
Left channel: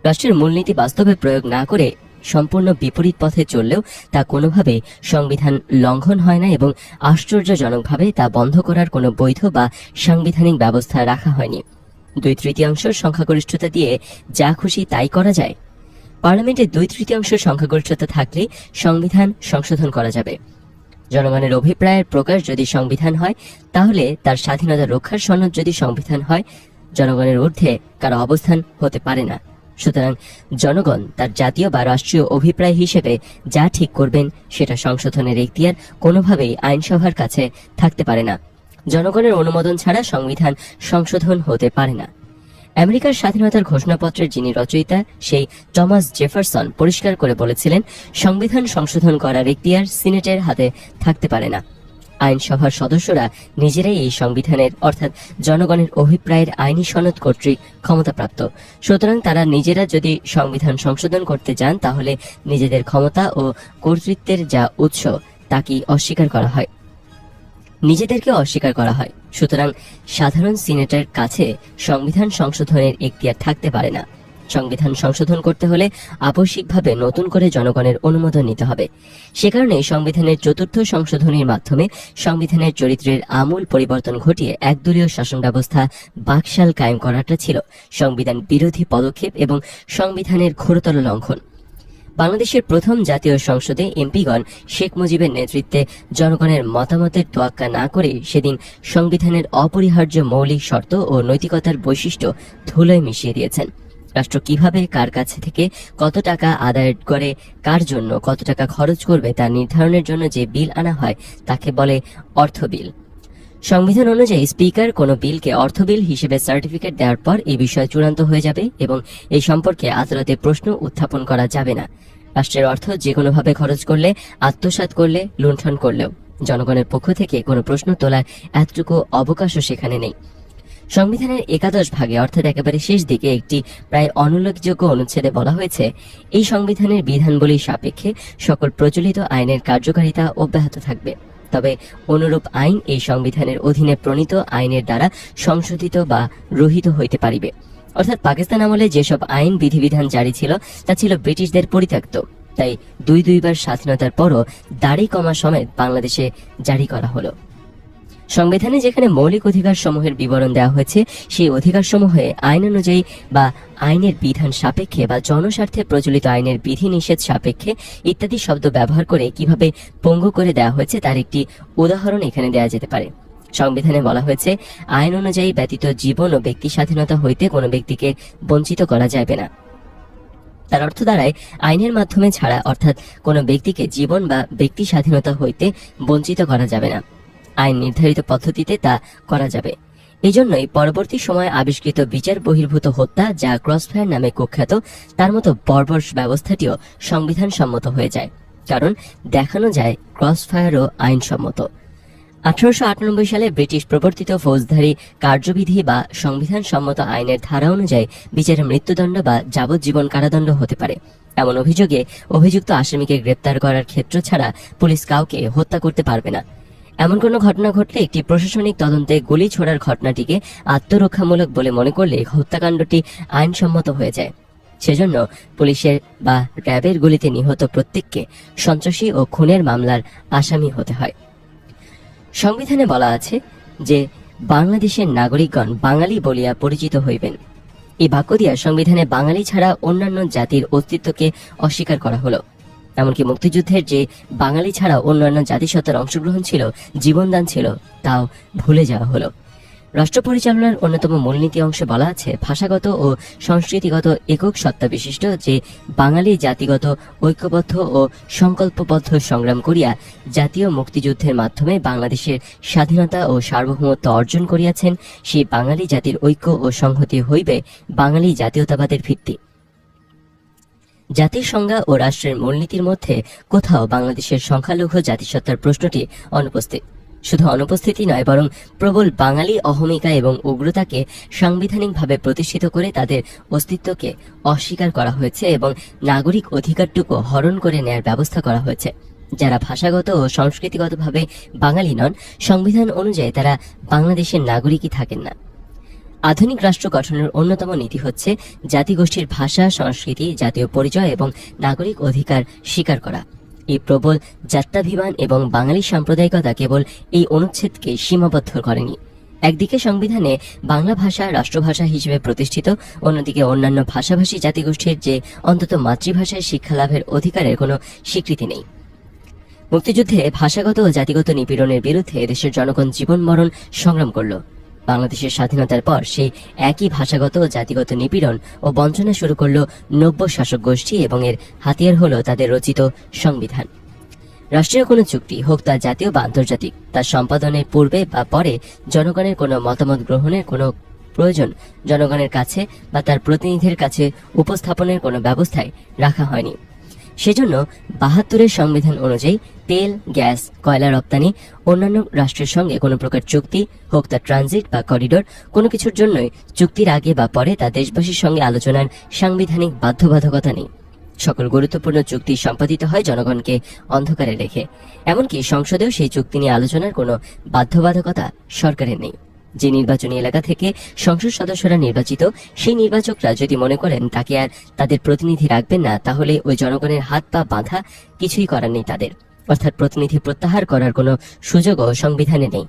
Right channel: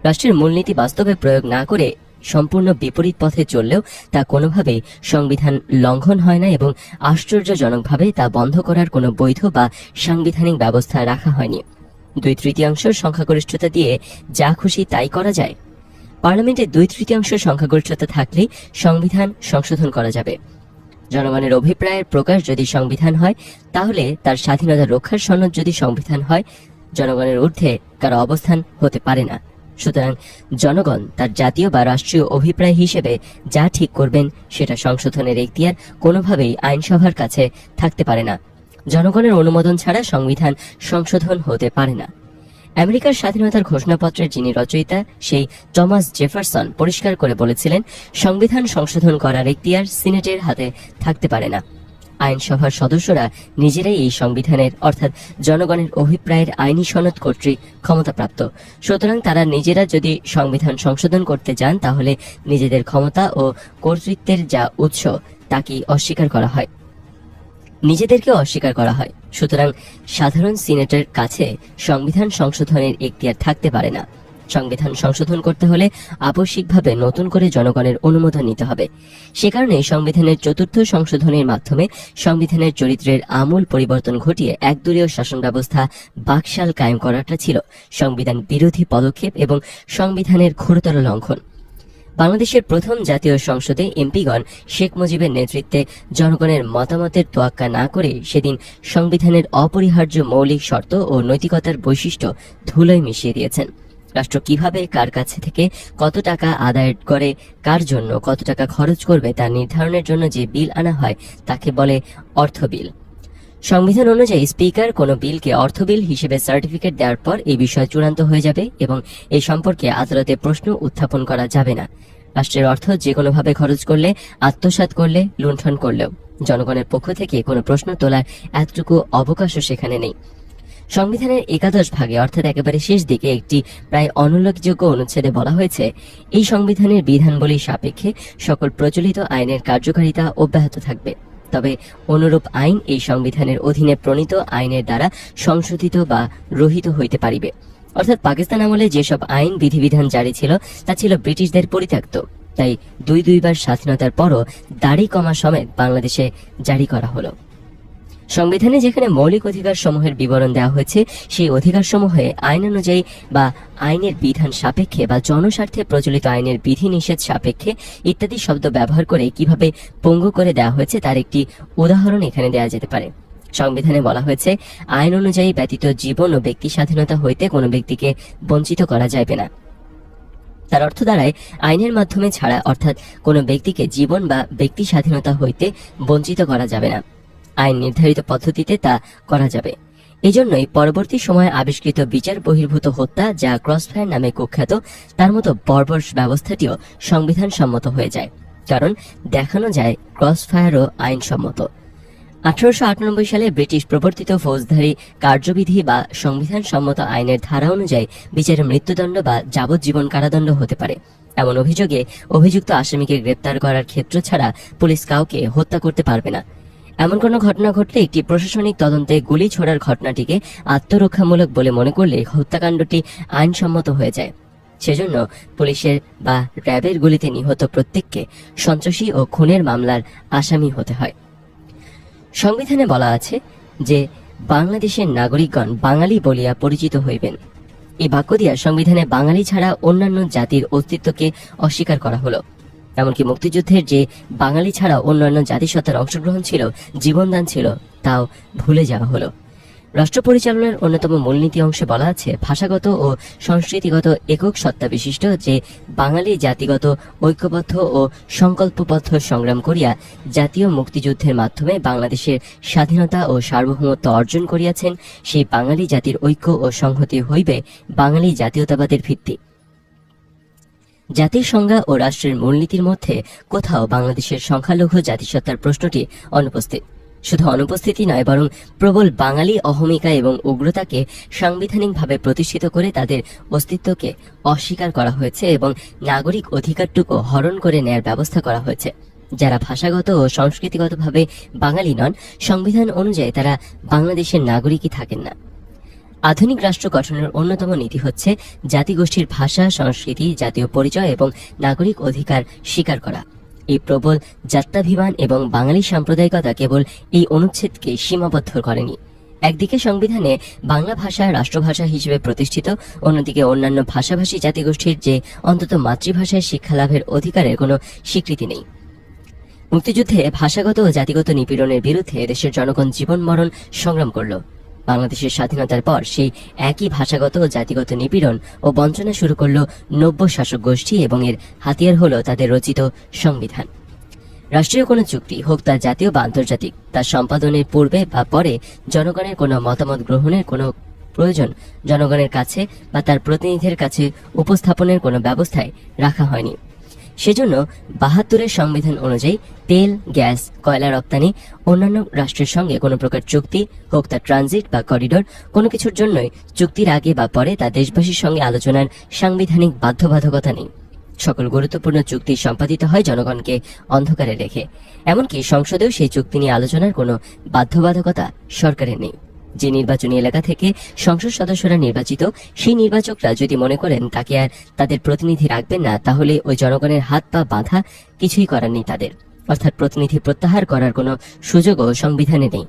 রাষ্ট্রের মূলনীতি বাস্তবে প্রয়োগ না করে সম্পূর্ণ বিপরীত পথে চললেও তা কোনোভাবেই সংবিধান লঙ্ঘন হয় না এবং আশ্চর্যজনকভাবে তা বন্ধ করার কোনো বৈধ বা সাংবিধানিক ব্যবস্থা রাখা হয়নি। 2/3 সংখ্যাগরিষ্ঠতা দিয়ে যা খুশি তাই করা যায়। পার্লামেন্টে 2/3 সংখ্যাগরিষ্ঠতা থাকলেই সংবিধান সংশোধন করা যাবে। জনগণের অভিপ্রায়ের প্রকাশ যদি সংবিধান হয়, তাহলে তার স্বাধীনতা রক্ষার সনদ যদি সংবিধান হয়, জনগণের ঊর্ধ্বে কারো অবস্থান হতে পারে না। সুতরাং জনগণ তার জাতীয় বা রাষ্ট্রীয় অভিপ্রায় হিসেবে যা ঠিক করবেন সেটা সংশোধনের এখতিয়ার কোনোভাবেই আইনসভার কাছে থাকতে পারে না। জনগণের অনুমোদন ছাড়া সংবিধান সংশোধন হতে পারে না। আমেরিকার স্বাধীনতার ঘোষণাপত্রের যিনি রচয়িতা, সেই টমাস জেফারসন পরিষ্কার করে বলেছিলেন, সংবিধান সংশোধন করার এখতিয়ার সিনেটের হাতে থাকতে পারে না। আইনসভার সদস্যরা নিজেরাই এই সংবিধানের অর্থাৎ জনগণের অভিপ্রায়ের আইনি সনদ কর্তৃক ক্ষমতাপ্রাপ্ত। সুতরাং তারা নিজেরা যদি সংবিধান সংশোধন করতে যান, তাহলে নিজেদের ক্ষমতা ও কর্তৃত্বের যা উৎস তাকেই অস্বীকার করা হয়, নিজেদেরকে অস্বীকার করা হয়। সুতরাং সাধারণ সিনেটের কাছে সংবিধান সংশোধনের এখতিয়ার থাকতে পারে না। সংবিধান সংশোধন করতে হলে আবশ্যিকভাবে নতুন করে জনগণের অনুমোদন নিতে হবে। সে কারণে সংবিধানের 4র্থ সংশোধনের মাধ্যমে সংবিধানের চরিত্রের আমূল পরিবর্তন ঘটিয়ে একদলীয় শাসন ব্যবস্থা বাকশাল কায়েম করাটা ছিল সংবিধান বিরোধী পদক্ষেপ এবং সংবিধানের ঘোরতর লঙ্ঘন। বাংলাদেশের প্রথম জাতীয় সংসদে এমপিগণ শেখ মুজিবের নেতৃত্বে জনগণের মতামতের তোয়াক্কা না করে সেদিন সংবিধানের অপরিহার্য মৌলিক শর্ত ও নৈতিকতার বৈশিষ্ট্য ধুলোয় মিশিয়ে দিয়েছেন। রাষ্ট্র কিভাবে কার কাছে থেকে কত টাকা আদায় করে, কার জন্য কত টাকা খরচ করবে তা নির্ধারণের জন্য যে বিল আনা হয় তাকে বলে অর্থ বিল। সংবিধান অনুযায়ী স্পিকার কোনো বিলকে অর্থ বিল হিসেবে সার্টিফিকেট দেওয়ার পর এই বিষয় চূড়ান্ত হয়ে যাবে এবং এই সম্পর্কে আদালতে প্রশ্ন উত্থাপন করা যাবে না। রাষ্ট্রের অর্থ যে কোনোভাবে খরচ করলে, আত্মসাৎ করলে, লুণ্ঠন করলেও জনগণের পক্ষ থেকে কোনো প্রশ্ন তোলার এতটুকু অবকাশও সেখানে নেই। সংবিধানের 11 ভাগে অর্থাৎ একেবারে শেষ দিকে একটি প্রায় অনুল্লেখযোগ্য অনুচ্ছেদে বলা হয়েছে, এই সংবিধানের বিধানবলীর সাপেক্ষে সকল প্রচলিত আইনের কার্যকারিতা অব্যাহত থাকবে। তবে অনুরূপ আইন এই সংবিধানের অধীনে প্রণীত আইনের দ্বারা সংশোধিত বা রহিত হইতে পারিবে। অর্থাৎ পাকিস্তান আমলে যেসব আইন বিধিবিধান জারি ছিল তা ছিল ব্রিটিশদের পরিত্যক্ত, তাই দুইবার স্বাধীনতার পরও দাড়ি কমা সমেত বাংলাদেশে জারি করা হলো। সংবিধানে যেখানে মৌলিক অধিকার সমূহের বিবরণ দেওয়া হয়েছে, সেই অধিকার সমূহে আইন অনুযায়ী বা আইনের বিধান সাপেক্ষে বা জনস্বার্থে প্রচলিত আইনের বিধি নিষেধ সাপেক্ষে ইত্যাদি শব্দ ব্যবহার করে কিভাবে পঙ্গু করে দেওয়া হয়েছে তার একটি উদাহরণ এখানে দেওয়া যেতে পারে। সংবিধানে বলা হয়েছে, আইন অনুযায়ী ব্যতীত জীবন ও ব্যক্তি স্বাধীনতা হইতে কোনো ব্যক্তিকে বঞ্চিত করা যাবে না। তার অর্থ দাঁড়ায়, আইনের মাধ্যমে ছাড়া অর্থাৎ কোনো ব্যক্তিকে জীবন বা ব্যক্তি স্বাধীনতা হইতে বঞ্চিত করা যাবে না। আইন নির্ধারিত পদ্ধতিতে তা করা যাবে। এজন্যই পরবর্তী সময়ে আবিষ্কৃত বিচার বহির্ভূত হত্যা, যা ক্রসফায়ার নামে কুখ্যাত, তার মতো বর্বর ব্যবস্থাটিও সংবিধান সম্মত হয়ে যায়, কারণ দেখানো যায় ক্রসফায়ারও আইনসম্মত। 1898 সালে ব্রিটিশ প্রবর্তিত ফৌজদারি কার্যবিধি বা সংবিধান সম্মত আইনের ধারা অনুযায়ী বিচারে মৃত্যুদণ্ড বা যাবজ্জীবন কারাদণ্ড হতে পারে। এমন অভিযোগে অভিযুক্ত আসামিকে গ্রেপ্তার করার ক্ষেত্র ছাড়া পুলিশ কাউকে হত্যা করতে পারবে না। এমন কোনো ঘটনা ঘটলে একটি প্রশাসনিক তদন্তে গুলি ছোড়ার ঘটনাটিকে আত্মরক্ষামূলক বলে মনে করলে হত্যাকাণ্ডটি আইনসম্মত হয়ে যায়। সেজন্য পুলিশের বা র্যাবের গুলিতে নিহত প্রত্যেককে সন্ত্রাসী ও খুনের মামলার আসামি হতে হয়। সংবিধানে বলা আছে যে বাংলাদেশের নাগরিকগণ বাঙালি বলিয়া পরিচিত হইবেন। এই বাক্য দিয়া সংবিধানে বাঙালি ছাড়া অন্যান্য জাতির অস্তিত্বকে অস্বীকার করা হলো। এমনকি মুক্তিযুদ্ধের যে বাঙালি ছাড়া অন্যান্য জাতিসত্তার অংশগ্রহণ ছিল, জীবনদান ছিল, তাও ভুলে যাওয়া হলো। রাষ্ট্র পরিচালনার অন্যতম মূলনীতি অংশে বলা আছে, ভাষাগত ও সংস্কৃতিগত একক সত্তা বিশিষ্ট যে বাঙালি জাতিগত ঐক্যবদ্ধ ও সংকল্পবদ্ধ সংগ্রাম করিয়া জাতীয় মুক্তিযুদ্ধের মাধ্যমে বাংলাদেশের স্বাধীনতা ও সার্বভৌমত্ব অর্জন করিয়াছেন, সেই বাঙালি জাতির ঐক্য ও সংহতি হইবে বাঙালি জাতীয়তাবাদের ভিত্তি। জাতির সংজ্ঞা ও রাষ্ট্রের মূলনীতির মধ্যে কোথাও বাংলাদেশের সংখ্যালঘু জাতিসত্তার প্রশ্নটি অনুপস্থিত। শুধু অনুপস্থিতি নয়, বরং প্রবল বাঙালি অহমিকা এবং উগ্রতাকে সাংবিধানিকভাবে প্রতিষ্ঠিত করে তাদের অস্তিত্বকে অস্বীকার করা হয়েছে এবং নাগরিক অধিকারটুকু হরণ করে নেয়ার ব্যবস্থা করা হয়েছে। যারা ভাষাগত ও সংস্কৃতিগতভাবে বাঙালি নন, সংবিধান অনুযায়ী তারা বাংলাদেশের নাগরিকই থাকেন না। আধুনিক রাষ্ট্র গঠনের অন্যতম নীতি হচ্ছে জাতিগোষ্ঠীর ভাষা, সংস্কৃতি, জাতীয় পরিচয় এবং নাগরিক অধিকার স্বীকার করা। এই প্রবল জাত্যাভিমান এবং বাঙালি সাম্প্রদায়িকতা কেবল এই অনুচ্ছেদকে সীমাবদ্ধ করেনি। একদিকে সংবিধানে বাংলা ভাষা রাষ্ট্রভাষা হিসেবে প্রতিষ্ঠিত, অন্যদিকে অন্যান্য ভাষাভাষী জাতিগোষ্ঠীর যে অন্তত মাতৃভাষায় শিক্ষা লাভের অধিকারের কোনো স্বীকৃতি নেই। মুক্তিযুদ্ধে ভাষাগত ও জাতিগত নিপীড়নের বিরুদ্ধে দেশের জনগণ জীবন মরণ সংগ্রাম করল। বাংলাদেশের স্বাধীনতার পর সেই একই ভাষাগত ও জাতিগত নিপীড়ন ও বঞ্চনা শুরু করল নব্য শাসক গোষ্ঠী এবং এর হাতিয়ার হলো তাদের রচিত সংবিধান। রাষ্ট্রীয় কোনো চুক্তি হোক তা জাতীয় বা আন্তর্জাতিক, তার সম্পাদনের পূর্বে বা পরে জনগণের কোনো মতামত গ্রহণের কোনো প্রয়োজন জনগণের কাছে বা তার প্রতিনিধির কাছে উপস্থাপনের কোনো ব্যবস্থায় রাখা হয়নি। সেজন্য ৭২-এর সংবিধান অনুযায়ী তেল, গ্যাস, কয়লা রপ্তানি অন্যান্য রাষ্ট্রের সঙ্গে কোনো প্রকার চুক্তি হোক তা ট্রানজিট বা করিডোর, কোনো কিছুর জন্যই চুক্তির আগে বা পরে তা দেশবাসীর সঙ্গে আলোচনার সাংবিধানিক বাধ্যবাধকতা নেই। সকল গুরুত্বপূর্ণ চুক্তি সম্পাদিত হয় জনগণকে অন্ধকারে রেখে। এমনকি সংসদেও সেই চুক্তি নিয়ে আলোচনার কোনো বাধ্যবাধকতা সরকারের নেই। যে নির্বাচনী এলাকা থেকে সংসদ সদস্যরা নির্বাচিত, সেই নির্বাচকরা যদি মনে করেন তাকে আর তাদের প্রতিনিধি রাখবেন না, তাহলে ওই জনগণের হাত পা বাঁধা কিছুই করার নেই তাদের, অর্থাৎ প্রতিনিধি প্রত্যাহার করার কোনো সুযোগও সংবিধানে নেই।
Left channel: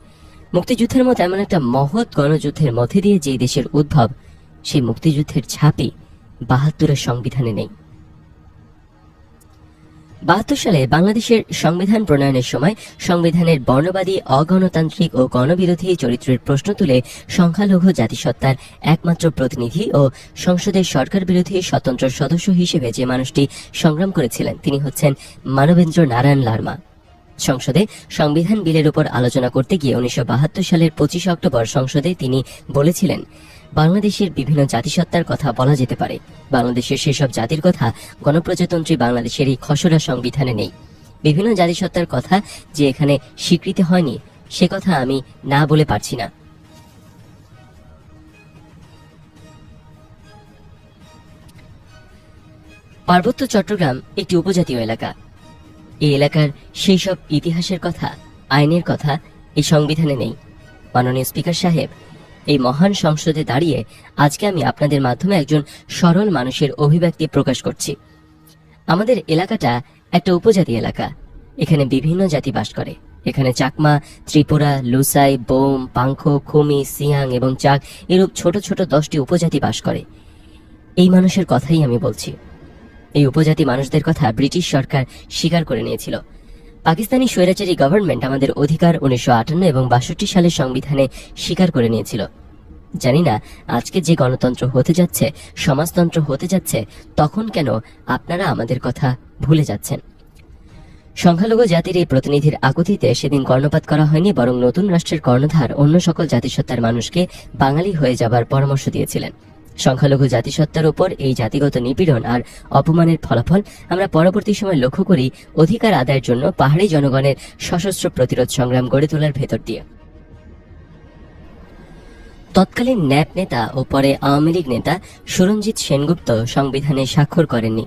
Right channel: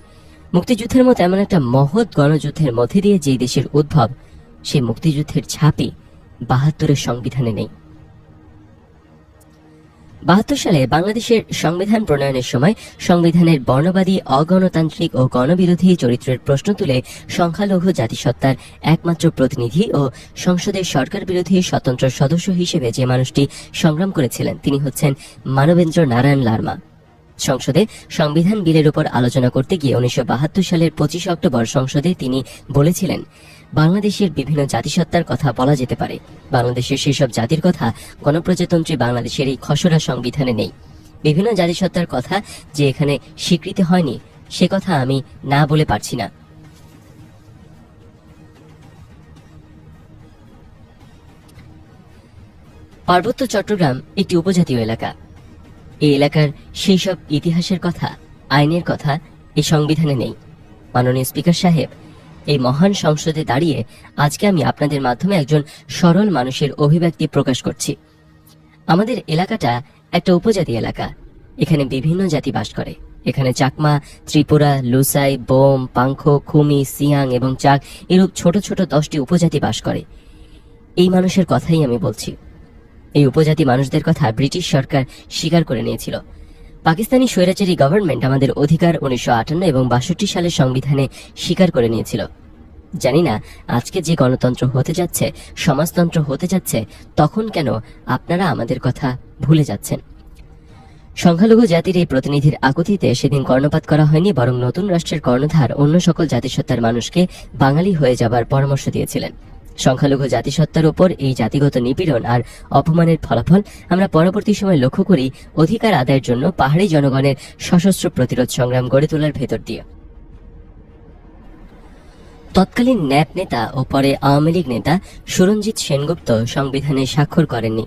মুক্তিযুদ্ধের মতো এমন একটা মহৎ গণযুদ্ধের মধ্যে দিয়ে যে দেশের উদ্ভব, সেই মুক্তিযুদ্ধের ছাপই ৭২-এর সংবিধানে নেই। ৭২ সালে বাংলাদেশের সংবিধান প্রণয়নের সময় সংবিধানের বর্ণবাদী, অগণতান্ত্রিক ও গণবিরোধী চরিত্রের প্রশ্ন তুলে সংখ্যালঘু জাতিসত্তার একমাত্র প্রতিনিধি ও সংসদের সরকার বিরোধী স্বতন্ত্র সদস্য হিসেবে যে মানুষটি সংগ্রাম করেছিলেন তিনি হচ্ছেন মানবেন্দ্র নারায়ণ লারমা। সংসদে সংবিধান বিলের উপর আলোচনা করতে গিয়ে ১৯৭২ সালের ২৫ অক্টোবর সংসদে তিনি বলেছিলেন, বাংলাদেশের বিভিন্ন জাতিসত্তার কথা বলা যেতে পারে, বাংলাদেশের সেসব জাতির কথা গণপ্রজাতন্ত্রী বাংলাদেশের এই খসড়া সংবিধানে নেই। বিভিন্ন জাতিসত্তার কথা যে এখানে স্বীকৃতি হয়নি সে কথা আমি না বলে পারছি না। পার্বত্য চট্টগ্রাম একটি উপজাতীয় এলাকা। এই এলাকার সেই সব ইতিহাসের কথা, আইনের কথা এই সংবিধানে নেই। মাননীয় স্পিকার সাহেব, এই মহান সংসদে দাঁড়িয়ে আজকে আমি আপনাদের মাধ্যমে একজন সরল মানুষের অভিব্যক্তি প্রকাশ করছি। আমাদের এলাকাটা একটা উপজাতি এলাকা। এখানে বিভিন্ন জাতি বাস করে। এখানে চাকমা, ত্রিপুরা, লোসাই, বোম, পাংখ, খুমি, সিয়াং এবং চাক এরূপ ছোট ছোট 10টি উপজাতি বাস করে। এই মানুষের কথাই আমি বলছি। এই উপজাতি মানুষদের কথা ব্রিটিশ সরকার স্বীকার করে নিয়েছিল। পাকিস্তানি স্বৈরাচারী গভর্নমেন্ট আমাদের অধিকার ১৯৫৮ এবং ৬২ সালের সংবিধানে স্বীকার করে নিয়েছিল। জানি না আজকে যে গণতন্ত্র হতে যাচ্ছে, সমাজতন্ত্র হতে যাচ্ছে, তখন কেন আপনারা আমাদের কথা ভুলে যাচ্ছেন। সংখ্যালঘু জাতির এই প্রতিনিধির আকুতিতে সেদিন কর্ণপাত করা হয়নি, বরং নতুন রাষ্ট্রের কর্ণধার অন্য সকল জাতিসত্তার মানুষকে বাঙালি হয়ে যাবার পরামর্শ দিয়েছিলেন। সংখ্যালঘু জাতিসত্তার উপর এই জাতিগত নিপীড়ন আর অপমানের ফলাফল আমরা পরবর্তী সময় লক্ষ্য করি অধিকার আদায়ের জন্য পাহাড়ি জনগণের সশস্ত্র প্রতিরোধ সংগ্রাম গড়ে তোলার ভেতর দিয়ে। তৎকালীন ন্যাপ নেতা ও পরে আওয়ামী লীগ নেতা সুরঞ্জিত সেনগুপ্ত সংবিধানে স্বাক্ষর করেননি।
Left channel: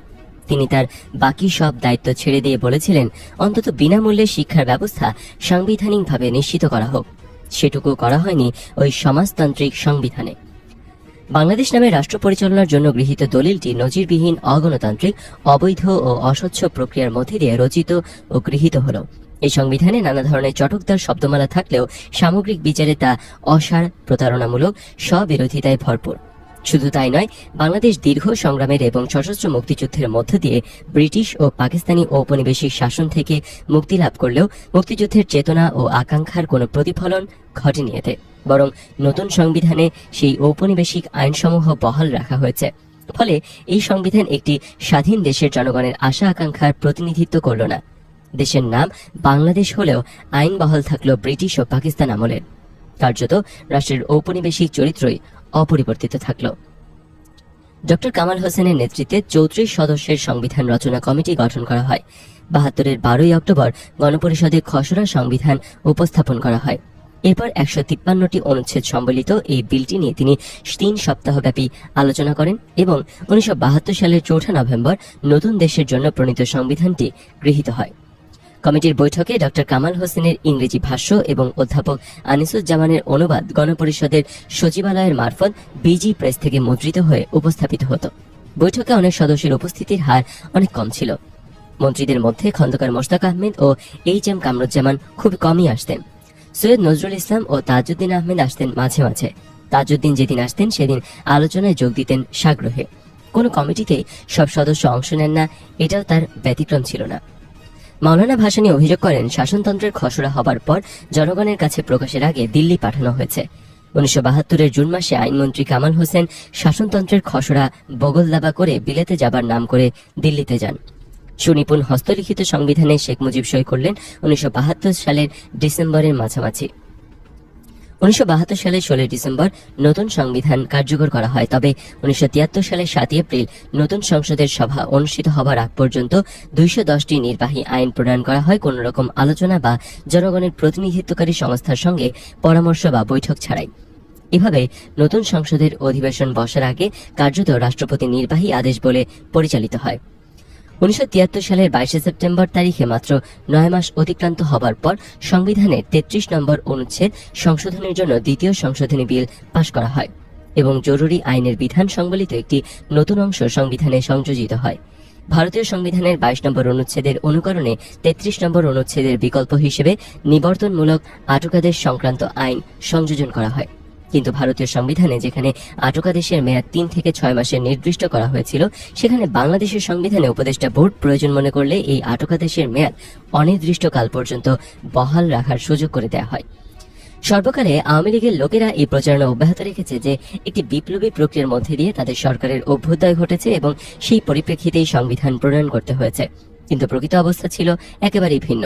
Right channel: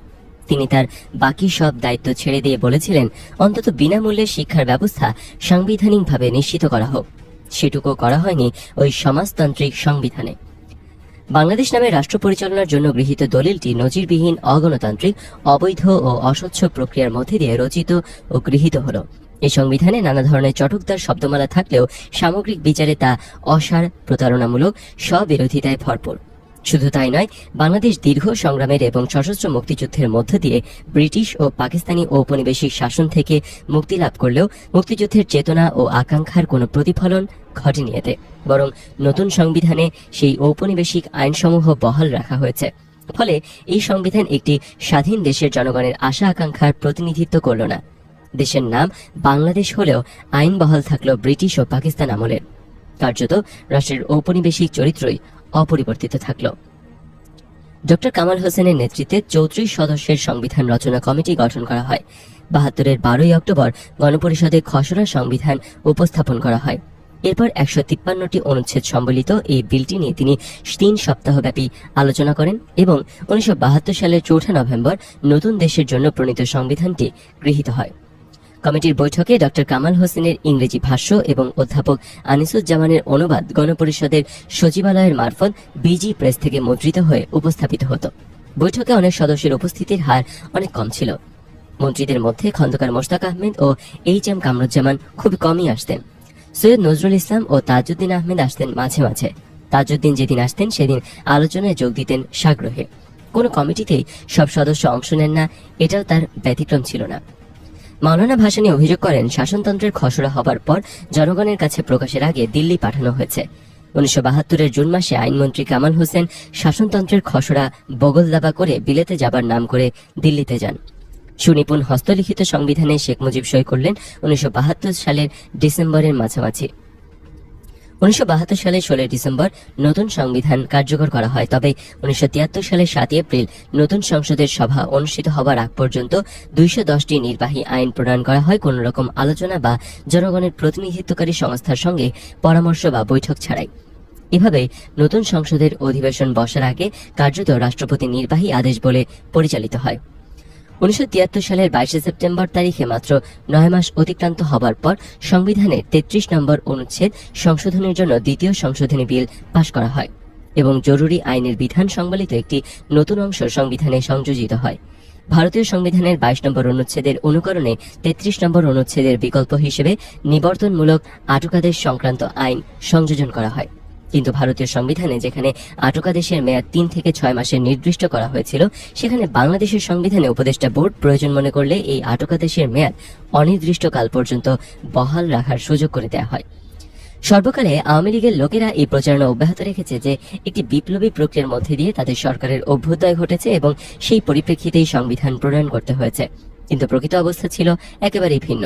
তিনি তার বাকি সব দায়িত্ব ছেড়ে দিয়ে বলেছিলেন, অন্তত বিনামূল্যে শিক্ষার ব্যবস্থা সাংবিধানিকভাবে নিশ্চিত করা হোক। সেটুকু করা হয়নি ওই সমাজতান্ত্রিক সংবিধানে। বাংলাদেশ নামে রাষ্ট্র পরিচালনার জন্য গৃহীত দলিলটি নজিরবিহীন, অগণতান্ত্রিক, অবৈধ ও অস্বচ্ছ প্রক্রিয়ার মধ্যে দিয়ে রচিত ও গৃহীত হলো। এই সংবিধানে নানা ধরনের চটকদার শব্দমালা থাকলেও সামগ্রিক বিচারে তা অসার, প্রতারণামূলক, স্ববিরোধিতায় ভরপুর। শুধু তাই নয়, বাংলাদেশ দীর্ঘ সংগ্রামের এবং সশস্ত্র মুক্তিযুদ্ধের মধ্য দিয়ে ব্রিটিশ ও পাকিস্তানি ঔপনিবেশিক শাসন থেকে মুক্তি লাভ করলেও মুক্তিযুদ্ধের চেতনা ও আকাঙ্ক্ষার কোনো প্রতিফলন ঘটেনি এতে, বরং নতুন সংবিধানে সেই ঔপনিবেশিক আইনসমূহ বহাল রাখা হয়েছে। ফলে এই সংবিধান একটি স্বাধীন দেশের জনগণের আশা আকাঙ্ক্ষার প্রতিনিধিত্ব করল না। দেশের নাম বাংলাদেশ হলেও আইন বহাল থাকলো ব্রিটিশ ও পাকিস্তান আমলের। কার্যত রাষ্ট্রের ঔপনিবেশিক চরিত্রই অপরিবর্তিত থাকল। ডক্টর কামাল হোসেনের নেতৃত্বে ৩৪ সদস্যের সংবিধান রচনা কমিটি গঠন করা হয়। ৭২-এর ১২ই অক্টোবর গণপরিষদে খসড়া সংবিধান উপস্থাপন করা হয়। এরপর ১৫৩টি অনুচ্ছেদ সম্বলিত এই বিলটি নিয়ে তিনি ৩ সপ্তাহব্যাপী আলোচনা করেন এবং ১৯৭২ সালের ৪ নভেম্বর নতুন দেশের জন্য প্রণীত সংবিধানটি গৃহীত হয়। কমিটির বৈঠকে ডক্টর কামাল হোসেনের ইংরেজি ভাষ্য এবং অধ্যাপক আনিসুজ্জামানের অনুবাদ গণপরিষদের সচিবালয়ের মারফত বিজি প্রেস থেকে মুদ্রিত হয়ে উপস্থাপিত হতো। বৈঠকে অনেক সদস্যের উপস্থিতির হার অনেক কম ছিল। মন্ত্রীদের মধ্যে খন্দকার মোশতাক আহমেদ ও এইচ.এম. কামরুজ্জামান খুব কমই আসতেন। সৈয়দ নজরুল ইসলাম ও তাজউদ্দিন আহমেদ আসতেন মাঝে মাঝে। তাজউদ্দিন যেদিন আসতেন সেদিন আলোচনায় যোগ দিতেন সাগ্রহে। কোনো কমিটিতে সব সদস্য অংশ নেন না, এটাও তার ব্যতিক্রম ছিল না। মাওলানা ভাসানী অভিযোগ করেন, শাসনতন্ত্রের খসড়া হবার পর জনগণের কাছে প্রকাশের আগে দিল্লি পাঠানো হয়েছে। 1972-এর জুন মাসে আইনমন্ত্রী কামাল হোসেন শাসনতন্ত্রের খসড়া বগলদাবা করে বিলেতে যাবার নাম করে দিল্লিতে যান। সুনিপুণ হস্তলিখিত সংবিধানে শেখ মুজিব সই করলেন 1972 সালের ডিসেম্বরের মাঝামাঝি। 1972 সালের 16 ডিসেম্বর নতুন সংবিধান কার্যকর করা হয়। তবে 1973 সালের 7 এপ্রিল নতুন সংসদের সভা অনুষ্ঠিত হবার আগ পর্যন্ত 210টি নির্বাহী আইন প্রণয়ন করা হয় কোন রকম আলোচনা বা জনগণের প্রতিনিধিত্বকারী সংস্থার সঙ্গে পরামর্শ বা বৈঠক ছাড়াই। এভাবে নতুন সংসদের অধিবেশন বসার আগে কার্যত রাষ্ট্রপতি নির্বাহী আদেশ বলে পরিচালিত হয়। 1973 সালের 22 সেপ্টেম্বর তারিখে মাত্র 9 মাস অতিক্রান্ত হবার পর সংবিধানের 33 নম্বর অনুচ্ছেদ সংশোধনের জন্য দ্বিতীয় সংশোধনী বিল পাশ করা হয় এবং জরুরি আইনের বিধান সংবলিত একটি নতুন অংশ সংবিধানে সংযোজিত হয়। ভারতীয় সংবিধানের 22 নম্বর অনুচ্ছেদের অনুকরণে 33 নম্বর অনুচ্ছেদের বিকল্প হিসেবে নিবর্তনমূলক আটকাদেশ সংক্রান্ত আইন সংযোজন করা হয়। কিন্তু ভারতীয় সংবিধানে যেখানে আটকাদেশের মেয়াদ 3 থেকে 6 মাসের নির্দিষ্ট করা হয়েছিল, সেখানে বাংলাদেশের সংবিধানে উপদেষ্টা বোর্ড প্রয়োজন মনে করলে এই আটকাদেশের মেয়াদ অনির্দিষ্টকাল পর্যন্ত বহাল রাখার সুযোগ করে দেওয়া হয়। সর্বকালে আওয়ামী লীগের লোকেরা এই প্রচারণা অব্যাহত রেখেছে যে একটি বিপ্লবী প্রক্রিয়ার মধ্যে দিয়ে তাদের সরকারের অভ্যুদয় ঘটেছে এবং সেই পরিপ্রেক্ষিতেই সংবিধান প্রণয়ন করতে হয়েছে। কিন্তু প্রকৃত অবস্থা ছিল একেবারেই ভিন্ন।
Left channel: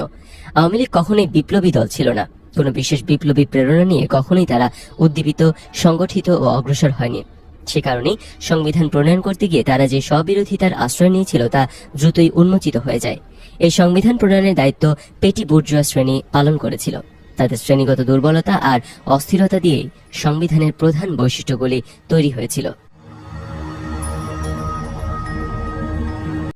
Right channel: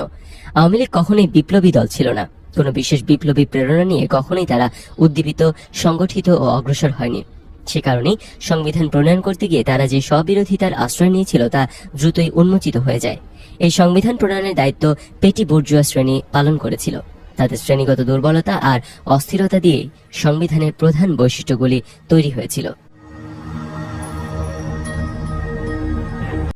আওয়ামী লীগ কখনোই বিপ্লবী দল ছিল না। কোনো বিশেষ বিপ্লবী প্রেরণা নিয়ে কখনোই তারা উদ্দীপিত, সংগঠিত ও অগ্রসর হয়নি। সে কারণেই সংবিধান প্রণয়ন করতে গিয়ে তারা যে স্ববিরোধিতার আশ্রয় নিয়েছিল তা দ্রুতই উন্মোচিত হয়ে যায়। এই সংবিধান প্রণয়নের দায়িত্ব পেটি বুর্জোয়া শ্রেণী পালন করেছিল। তাদের শ্রেণীগত দুর্বলতা আর অস্থিরতা দিয়ে সংবিধানের প্রধান বৈশিষ্ট্যগুলি তৈরি হয়েছিল।